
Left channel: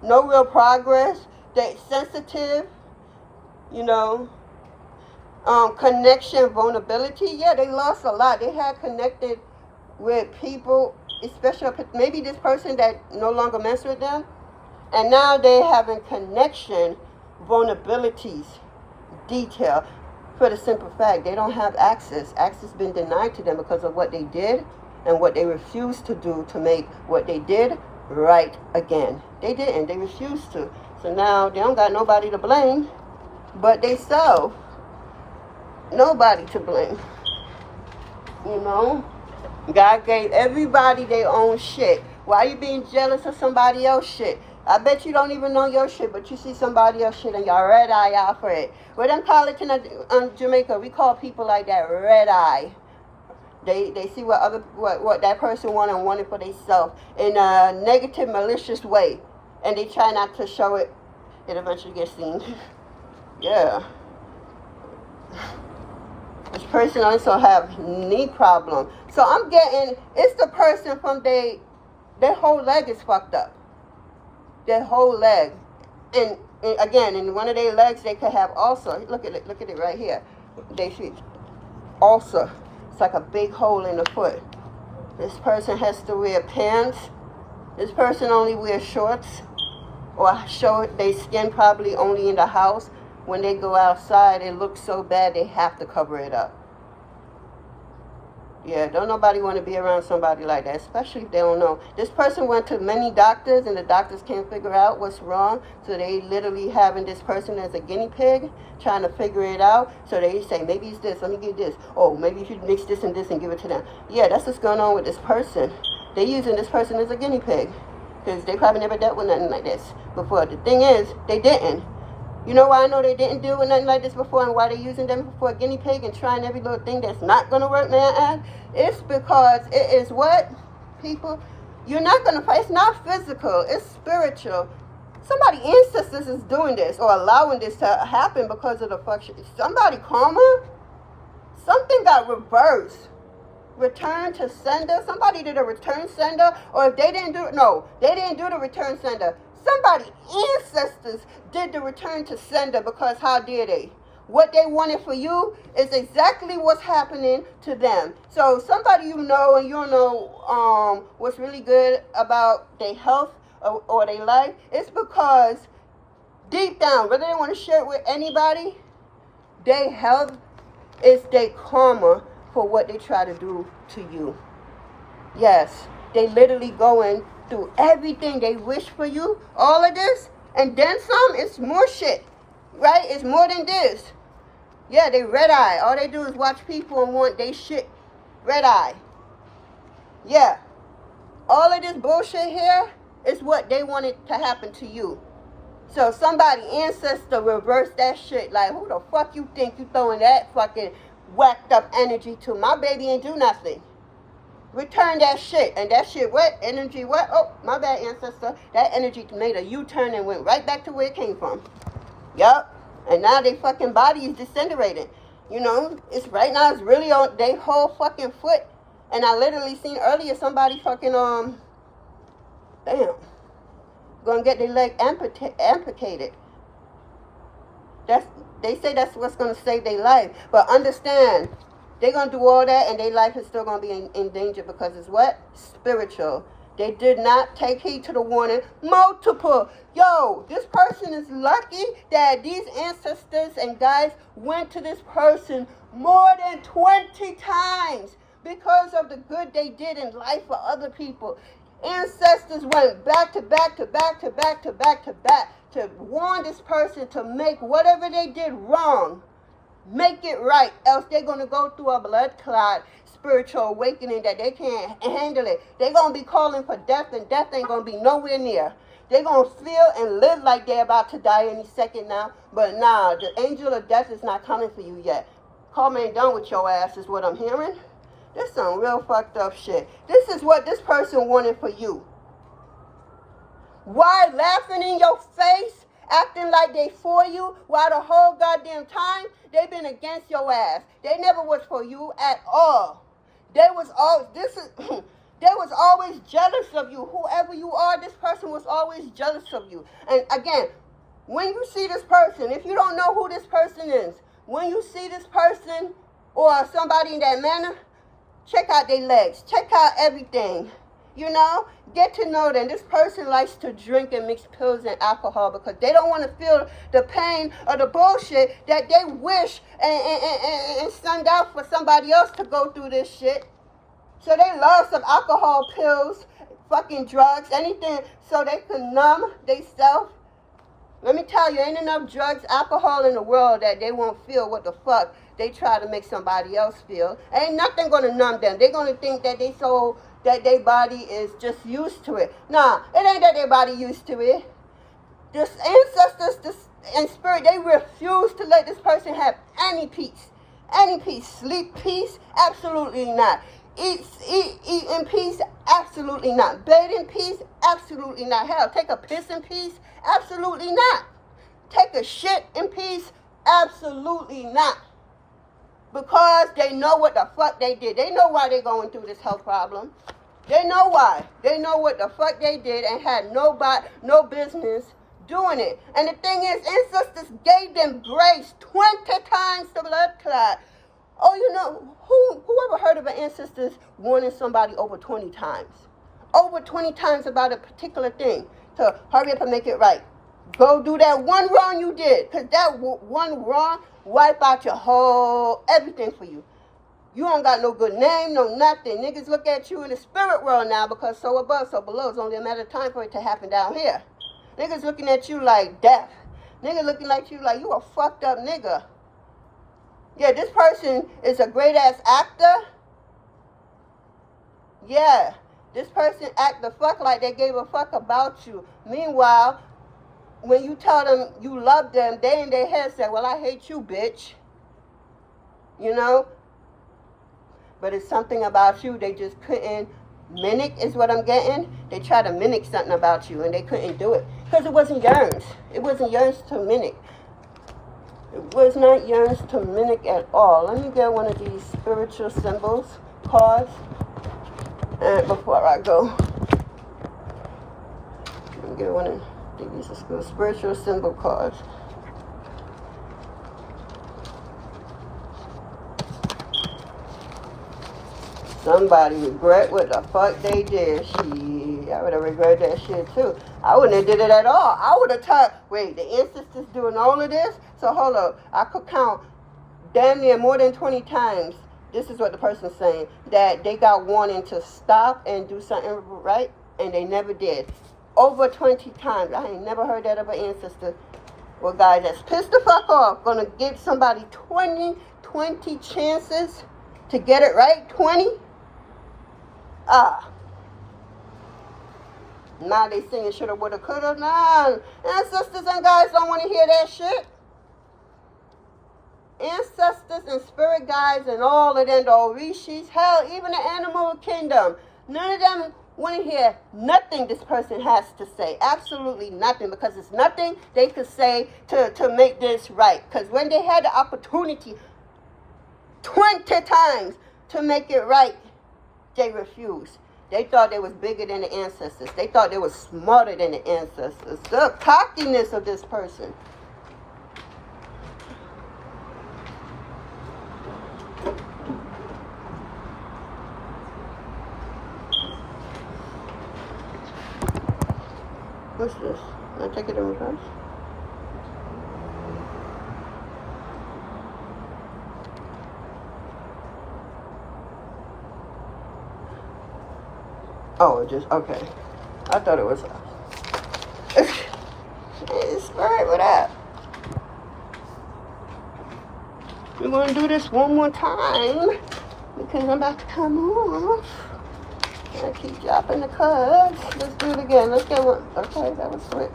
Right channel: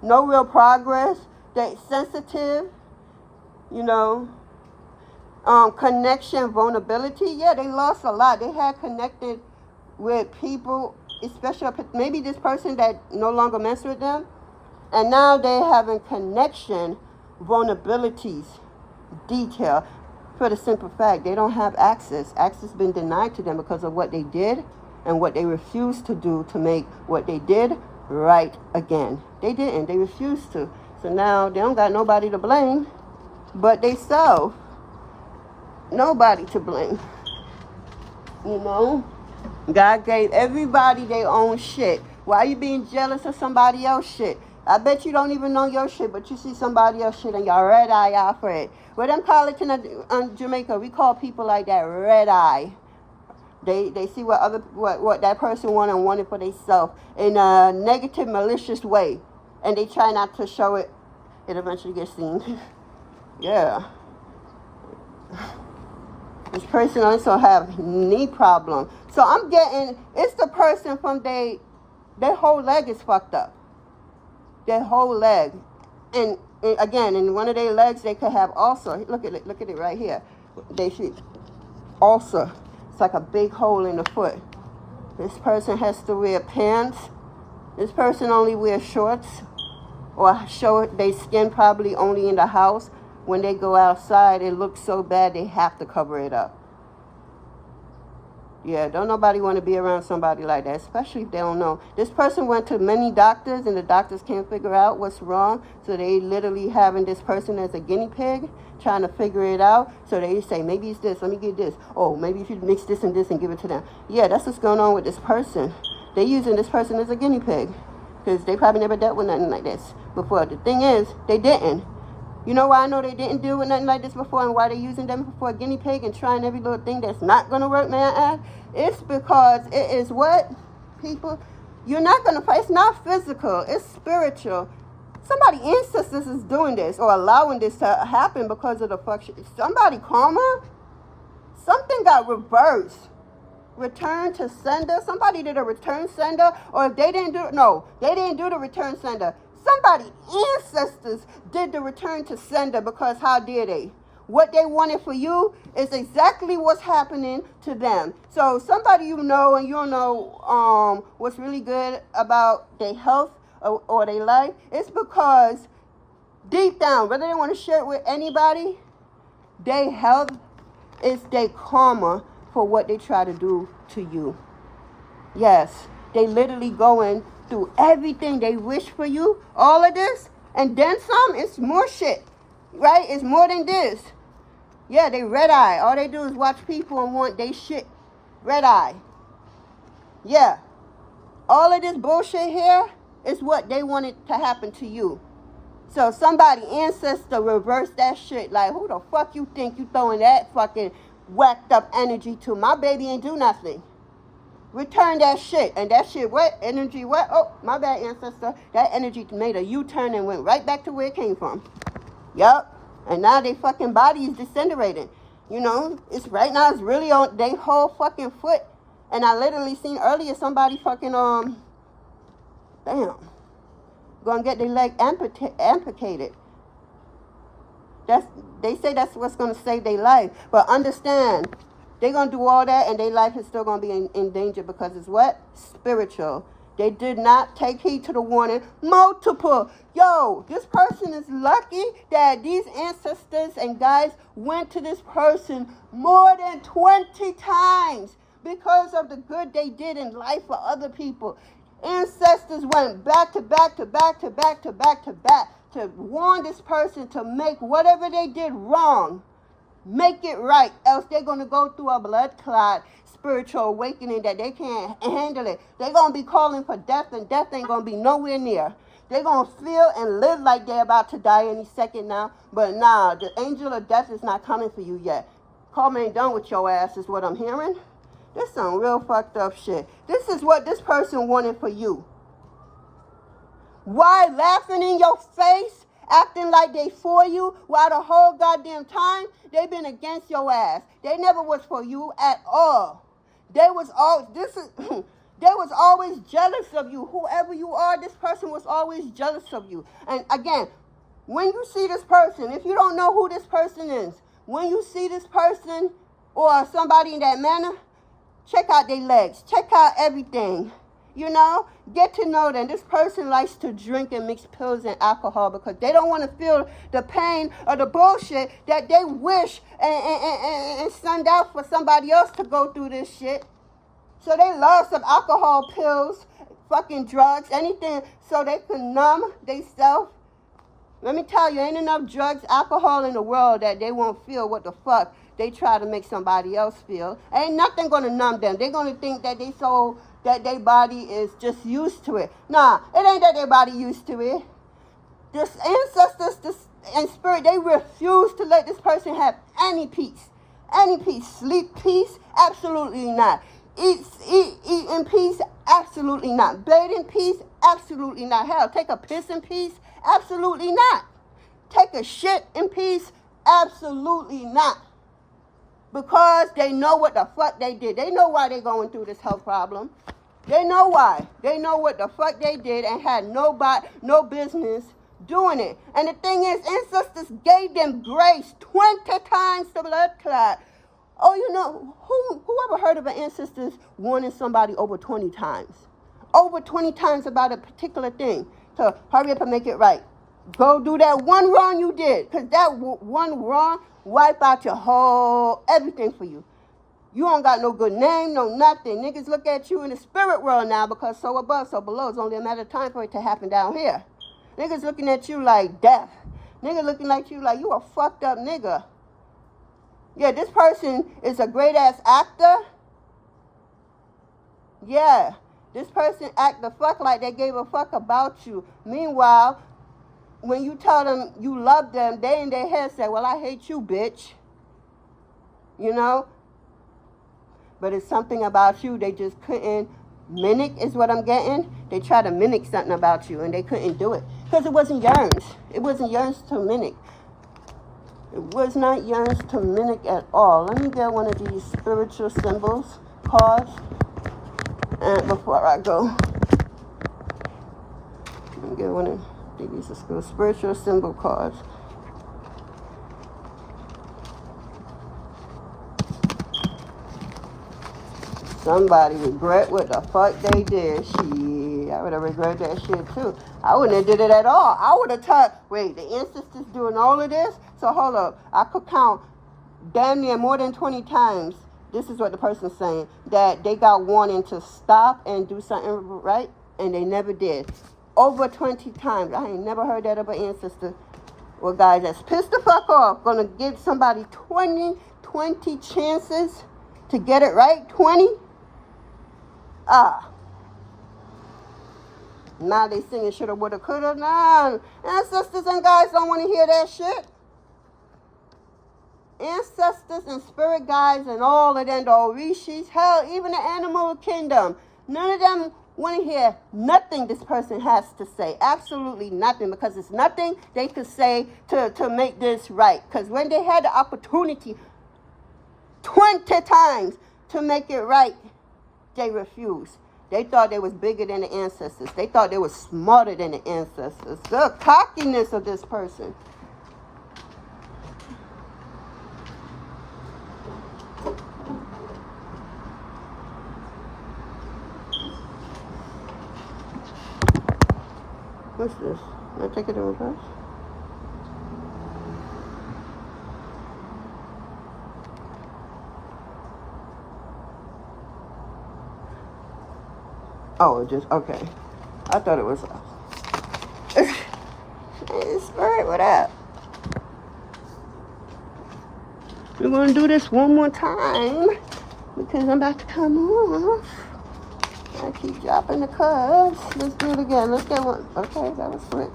no real progress. They sensitive, you know, connection, vulnerability. Yeah, they lost a lot. They had connected with people, especially maybe this person that no longer mess with them, and now they're having connection, vulnerabilities, detail, for the simple fact they don't have access. Access been denied to them because of what they did and what they refused to do to make what they did right again. They didn't. They refused to. So now they don't got nobody to blame but they self. Nobody to blame. You know? God gave everybody their own shit. Why you being jealous of somebody else's shit? I bet you don't even know your shit, but you see somebody else's shit and y'all red eye out for it. What them call it in Jamaica? We call people like that red eye. They see what that person wanted for themselves in a negative, malicious way, and they try not to show it. It eventually gets seen. Yeah. This person also have knee problem. So I'm getting, it's the person from their whole leg is fucked up. Their whole leg. And again, in one of their legs, they could have ulcer. Look at it right here. They should ulcer. It's like a big hole in the foot. This person has to wear pants. This person only wears shorts or show their skin probably only in the house. When they go outside, it looks so bad they have to cover it up. Yeah, don't nobody want to be around somebody like that, especially if they don't know. This person went to many doctors and the doctors can't figure out what's wrong. So they literally having this person as a guinea pig, trying to figure it out. So they say, maybe it's this, let me get this. Oh, maybe you should mix this and this and give it to them. Yeah, that's what's going on with this person. They're using this person as a guinea pig because they probably never dealt with nothing like this before. The thing is, they didn't. You know why I know they didn't deal with nothing like this before and why they're using them for a guinea pig and trying every little thing that's not going to work, man? It's because it is what, people? You're not going to fight. It's not physical. It's spiritual. Somebody ancestors is doing this or allowing this to happen because of the function. Somebody karma? Something got reversed. Return to sender. Somebody did a return sender, or if they didn't do it, no, they didn't do the return sender. Somebody ancestors did the return to sender because how dare they? What they wanted for you is exactly what's happening to them. So somebody you know and you don't know what's really good about their health or their life, it's because deep down, whether they want to share it with anybody, their health is their karma for what they try to do to you. Yes, they literally going through everything they wish for you, all of this, and then some. It's more shit, right? It's more than this. Yeah, they red eye. All they do is watch people and want they shit red eye. Yeah, all of this bullshit here is what they wanted to happen to you. So somebody ancestor reversed that shit. Like, who the fuck you think you throwing that fucking whacked up energy to? My baby ain't do nothing. Return that shit. And that shit, what? Energy, what? Oh, my bad, ancestor. That energy made a U-turn and went right back to where it came from. Yup. And now they fucking body is disintegrated. You know, it's right now, it's really on their whole fucking foot. And I literally seen earlier somebody fucking, damn, gonna get their leg amputated. They say that's what's gonna save their life. But understand, they're going to do all that and their life is still going to be in danger because it's what? Spiritual. They did not take heed to the warning. Multiple. Yo, this person is lucky that these ancestors and guides went to this person more than 20 times because of the good they did in life for other people. Ancestors went back to back to back to back to back to back to warn this person to make whatever they did wrong. Make it right, else they're going to go through a blood clot, spiritual awakening that they can't handle it. They're going to be calling for death, and death ain't going to be nowhere near. They're going to feel and live like they're about to die any second now. But nah, the angel of death is not coming for you yet. Karma ain't done with your ass is what I'm hearing. This is some real fucked up shit. This is what this person wanted for you. Why laughing in your face? Acting like they for you, while the whole goddamn time they been against your ass. They never was for you at all. They was always jealous of you. Whoever you are, this person was always jealous of you. And again, when you see this person, if you don't know who this person is, when you see this person or somebody in that manner, check out their legs, check out everything. You know, get to know them. This person likes to drink and mix pills and alcohol because they don't want to feel the pain or the bullshit that they wish and send out for somebody else to go through this shit. So they love some alcohol, pills, fucking drugs, anything so they can numb themselves. Let me tell you, ain't enough drugs, alcohol in the world that they won't feel what the fuck they try to make somebody else feel. Ain't nothing gonna numb them. They're gonna think that that their body is just used to it. Nah, it ain't that their body used to it. This ancestors, in spirit, they refuse to let this person have any peace. Any peace. Sleep peace? Absolutely not. Eat in peace? Absolutely not. Bathe in peace? Absolutely not. Hell, take a piss in peace? Absolutely not. Take a shit in peace? Absolutely not. Because they know what the fuck they did. They know why they're going through this health problem. They know why. They know what the fuck they did and had no business doing it. And the thing is, ancestors gave them grace 20 times the blood clot. Oh, you know, whoever heard of an ancestors warning somebody over 20 times? Over 20 times about a particular thing. To hurry up and make it right. Go do that one wrong you did. Because that one wrong wipe out your whole everything for you. You don't got no good name, no nothing. Niggas look at you in the spirit world now because so above, so below. It's only a matter of time for it to happen down here. Niggas looking at you like death. Niggas looking at you like you a fucked up nigga. Yeah, this person is a great ass actor. Yeah, this person act the fuck like they gave a fuck about you. Meanwhile, when you tell them you love them, they in their head say, well, I hate you, bitch. You know? But it's something about you they just couldn't mimic, is what I'm getting. They try to mimic something about you and they couldn't do it. Because it wasn't yours. It wasn't yours to mimic. It was not yours to mimic at all. Let me get one of these spiritual symbols cards. And before I go, let me get one of these spiritual symbol cards. Somebody regret what the fuck they did. Shit, I would have regretted that shit too. I wouldn't have did it at all. I would have thought, wait, the ancestors doing all of this? So hold up, I could count damn near more than 20 times. This is what the person's saying, that they got warning to stop and do something right, and they never did. Over 20 times. I ain't never heard that of an ancestor. Well, guys, that's pissed the fuck off. Gonna give somebody 20 chances to get it right. 20? Now they saying shoulda, woulda, coulda. Nah, ancestors and guys don't want to hear that shit. Ancestors and spirit guides and all of them, the Orishis, hell, even the animal kingdom. None of them want to hear nothing this person has to say. Absolutely nothing, because it's nothing they could say to make this right. Because when they had the opportunity 20 times to make it right, they refused. They thought they was bigger than the ancestors. They thought they was smarter than the ancestors. The cockiness of this person. What's this? Can I take it in reverse? Oh, just, okay. I thought it was it's spirit with that. We're going to do this one more time because I'm about to come off. I keep dropping the cards. Let's do it again. Let's get one. Okay, that was quick.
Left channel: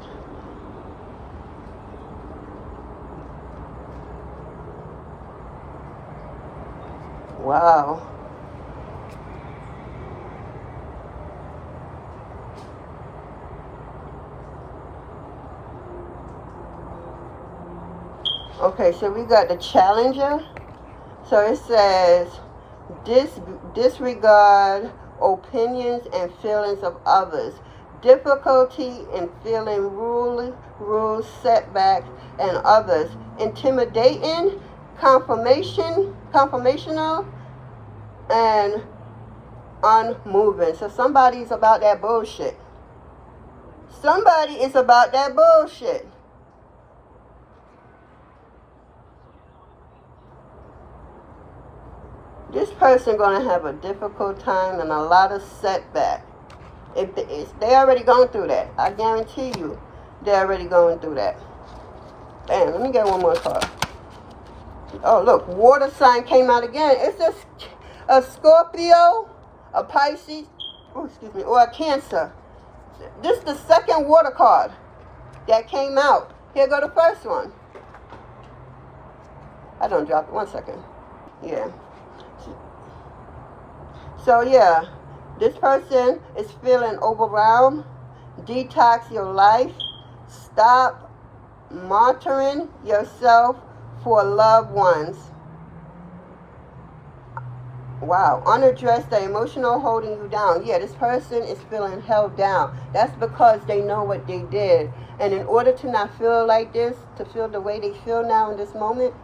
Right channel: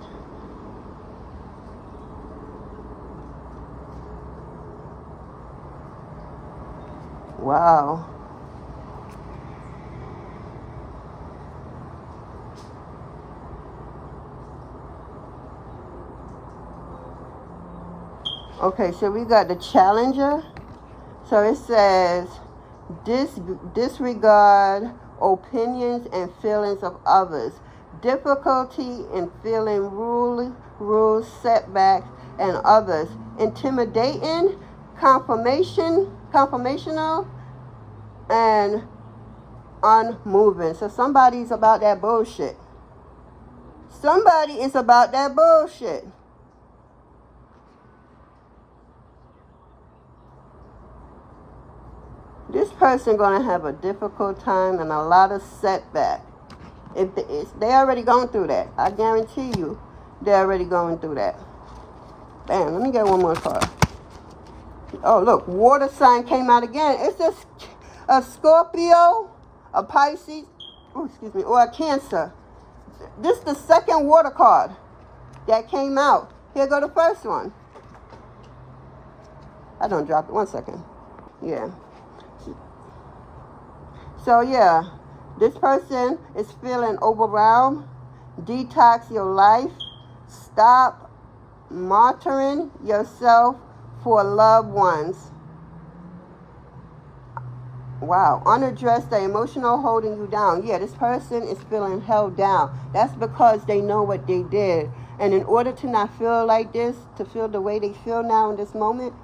Wow. Okay, so we got the challenger. So it says, disregard opinions and feelings of others. Difficulty in feeling rules, setbacks, and others. Intimidating, confirmational, and unmoving. So somebody's about that bullshit. Somebody is about that bullshit. This person gonna have a difficult time and a lot of setback. They already gone through that. I guarantee you, they're already going through that. Damn, let me get one more card. Oh, look, water sign came out again. It's a Scorpio, a Pisces, excuse me, or a Cancer. This is the second water card that came out. Here go the first one. I don't drop it. 1 second. Yeah. So, yeah, this person is feeling overwhelmed. Detox your life. Stop monitoring yourself for loved ones. Wow, unaddressed, the emotional holding you down. Yeah, this person is feeling held down. That's because they know what they did. And in order to not feel like this, to feel the way they feel now in this moment,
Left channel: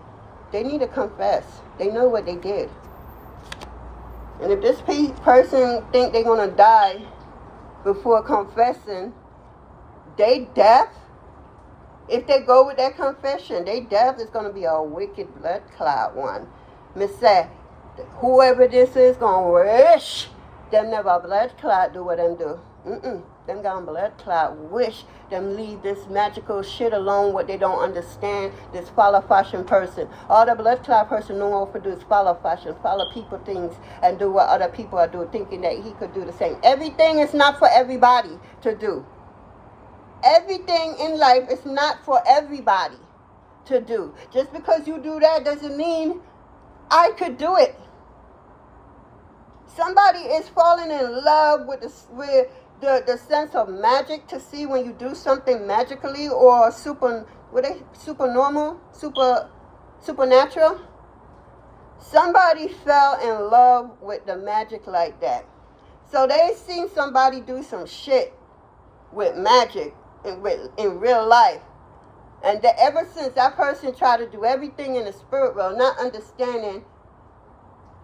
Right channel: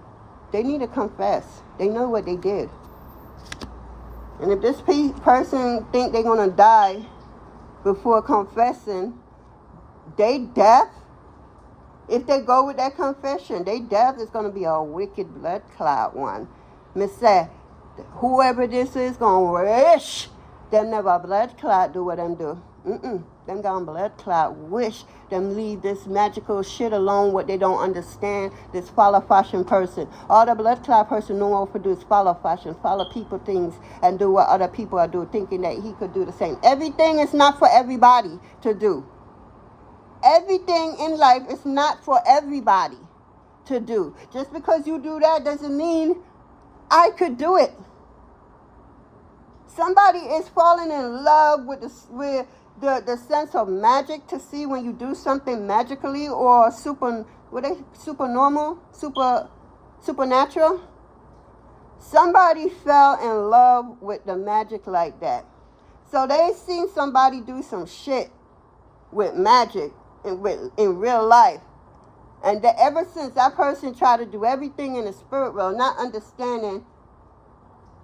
they need to confess. They know what they did. And if this person think they're going to die before confessing, they death. If they go with that confession, they death is going to be a wicked blood clot one. Miss say, whoever this is going to wish them never blood clot do what them do. Them gone blood clot wish them leave this magical shit alone, what they don't understand, this follow fashion person. All the blood clot person know how to do is follow fashion, follow people things, and do what other people are doing, thinking that he could do the same. Everything is not for everybody to do. Everything in life is not for everybody to do. Just because you do that doesn't mean I could do it. Somebody is falling in love with the sense of magic, to see when you do something magically or supernatural. Somebody fell in love with the magic like that. So they seen somebody do some shit with magic in real life. And that ever since that person tried to do everything in the spirit world, not understanding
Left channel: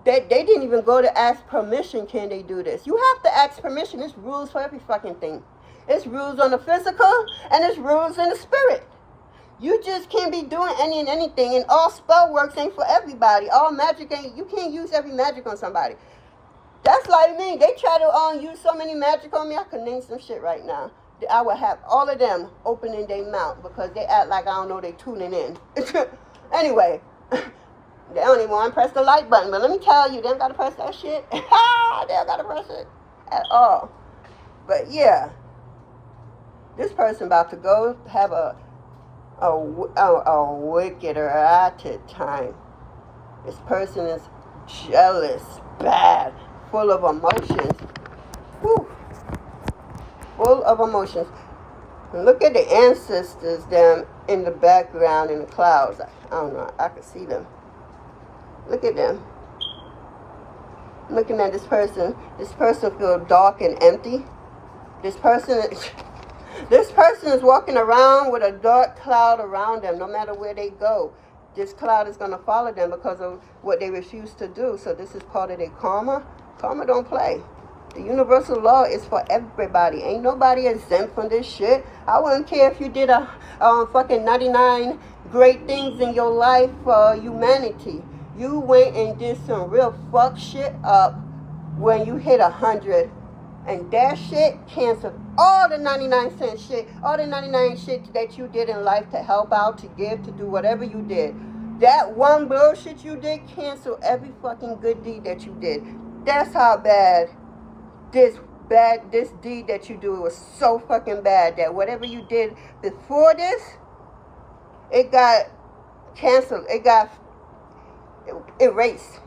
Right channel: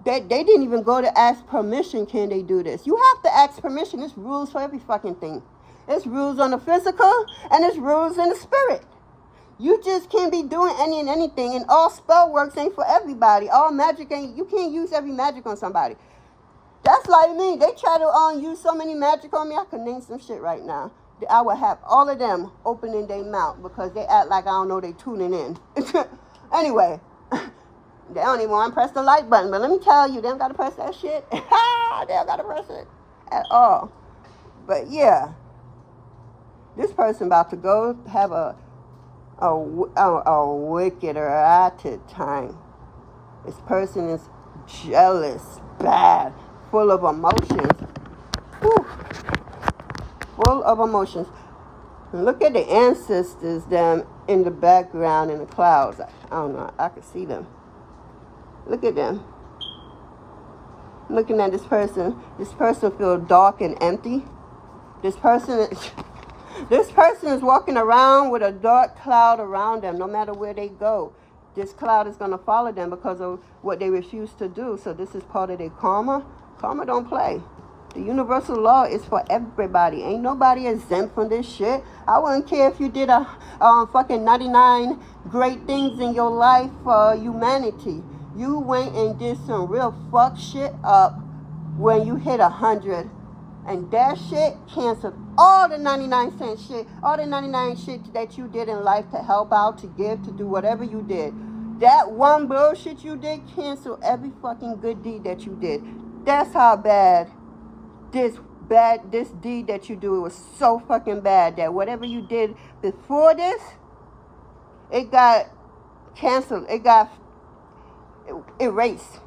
that they didn't even go to ask permission, can they do this? You have to ask permission. There's rules for every fucking thing. It's rules on the physical and it's rules in the spirit. You just can't be doing any and anything, and all spell works ain't for everybody. All magic ain't, you can't use every magic on somebody. That's like me. They try to use so many magic on me, I could name some shit right now. I would have all of them opening their mouth because they act like I don't know they tuning in. Anyway, they don't even want to press the like button. But let me tell you, they don't got to press that shit. They don't got to press it at all. But yeah, this person about to go have a wicked erotic time. This person is jealous, bad, full of emotions. Whew. Full of emotions. Look at the ancestors them in the background in the clouds. I don't know, I can see them. Look at them. Looking at this person feels dark and empty. This person is walking around with a dark cloud around them no matter where they go. This cloud is going to follow them because of what they refuse to do. So this is part of their karma. Karma don't play. The universal law is for everybody. Ain't nobody exempt from this shit. I wouldn't care if you did a fucking 99 great things in your life for humanity. You went and did some real fuck shit up when you hit 100. And that shit canceled all the 99-cent shit, all the 99 shit that you did in life to help out, to give, to do whatever you did. That one bullshit you did canceled every fucking good deed that you did. That's how bad this deed that you do was so fucking bad that whatever you did before this, it got canceled. It got erased.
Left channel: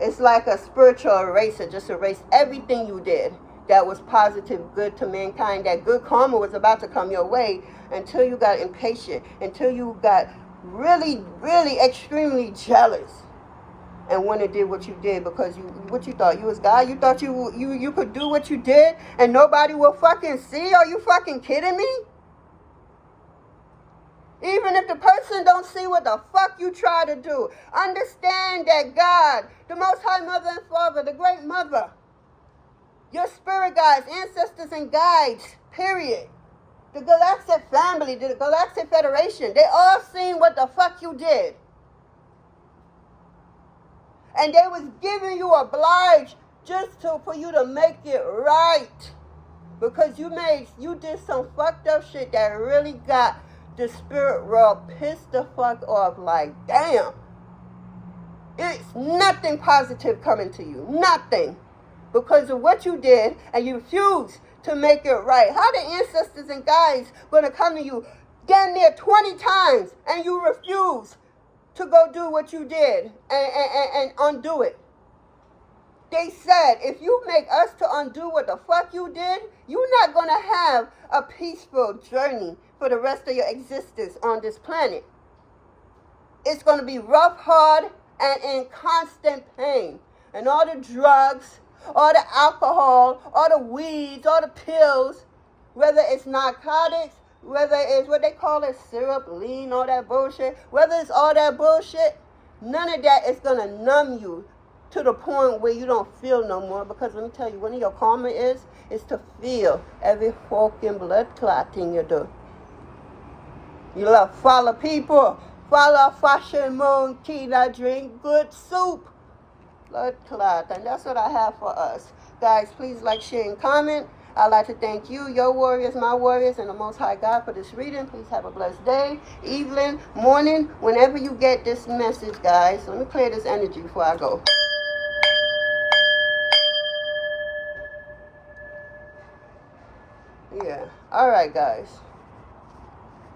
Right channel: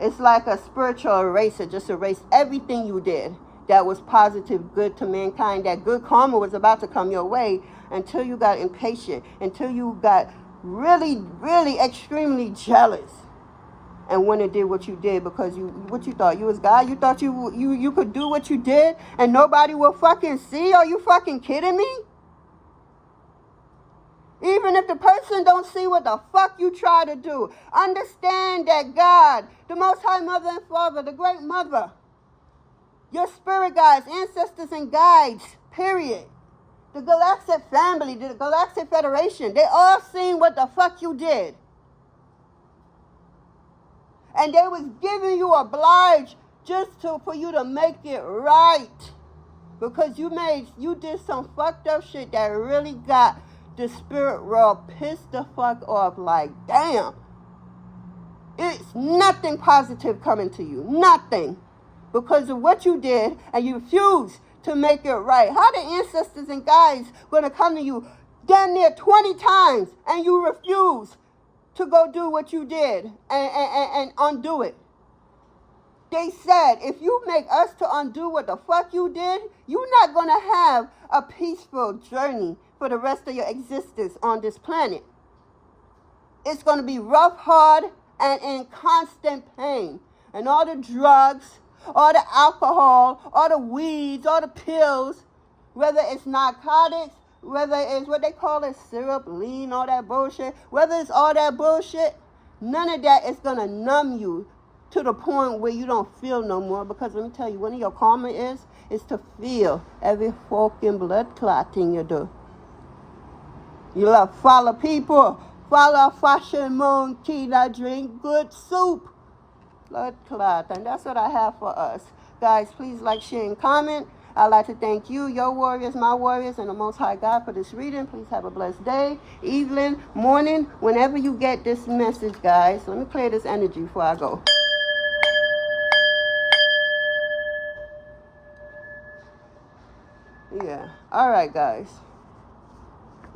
It's like a spiritual eraser, just erase everything you did that was positive, good to mankind, that good karma was about to come your way, until you got impatient, until you got really, really extremely jealous. And when it did what you did, because what you thought, you was God? You thought you could do what you did and nobody will fucking see? Are you fucking kidding me? Even if the person don't see what the fuck you try to do, understand that God, the Most High Mother and Father, the Great Mother, your spirit guides, ancestors and guides, period, the Galactic Family, the Galactic Federation, they all seen what the fuck you did. And they was giving you obliged just for you to make it right. Because you did some fucked up shit that really got the spirit world pissed the fuck off. Like, damn, It's nothing positive coming to you. Nothing. Because of what you did, and you refuse to make it right. How the ancestors and guides going to come to you damn near 20 times, and you refuse to go do what you did and undo it? They said, if you make us to undo what the fuck you did, you're not going to have a peaceful journey for the rest of your existence on this planet. It's going to be rough, hard, and in constant pain. And all the drugs, all the alcohol, all the weeds, all the pills, whether it's narcotics, whether it's what they call it, syrup, lean, all that bullshit, whether it's all that bullshit, none of that is going to numb you to the point where you don't feel no more. Because let me tell you, one of your karma is to feel every fucking blood clotting you do. You love follow people, follow fashion monkey that drink good soup. Blood clot, and that's what I have for us. Guys, please like, share, and comment. I'd like to thank you, your warriors, my warriors, and the Most High God for this reading. Please have a blessed day, evening, morning, whenever you get this message, guys. Let me clear this energy before I go. Yeah. All right, guys.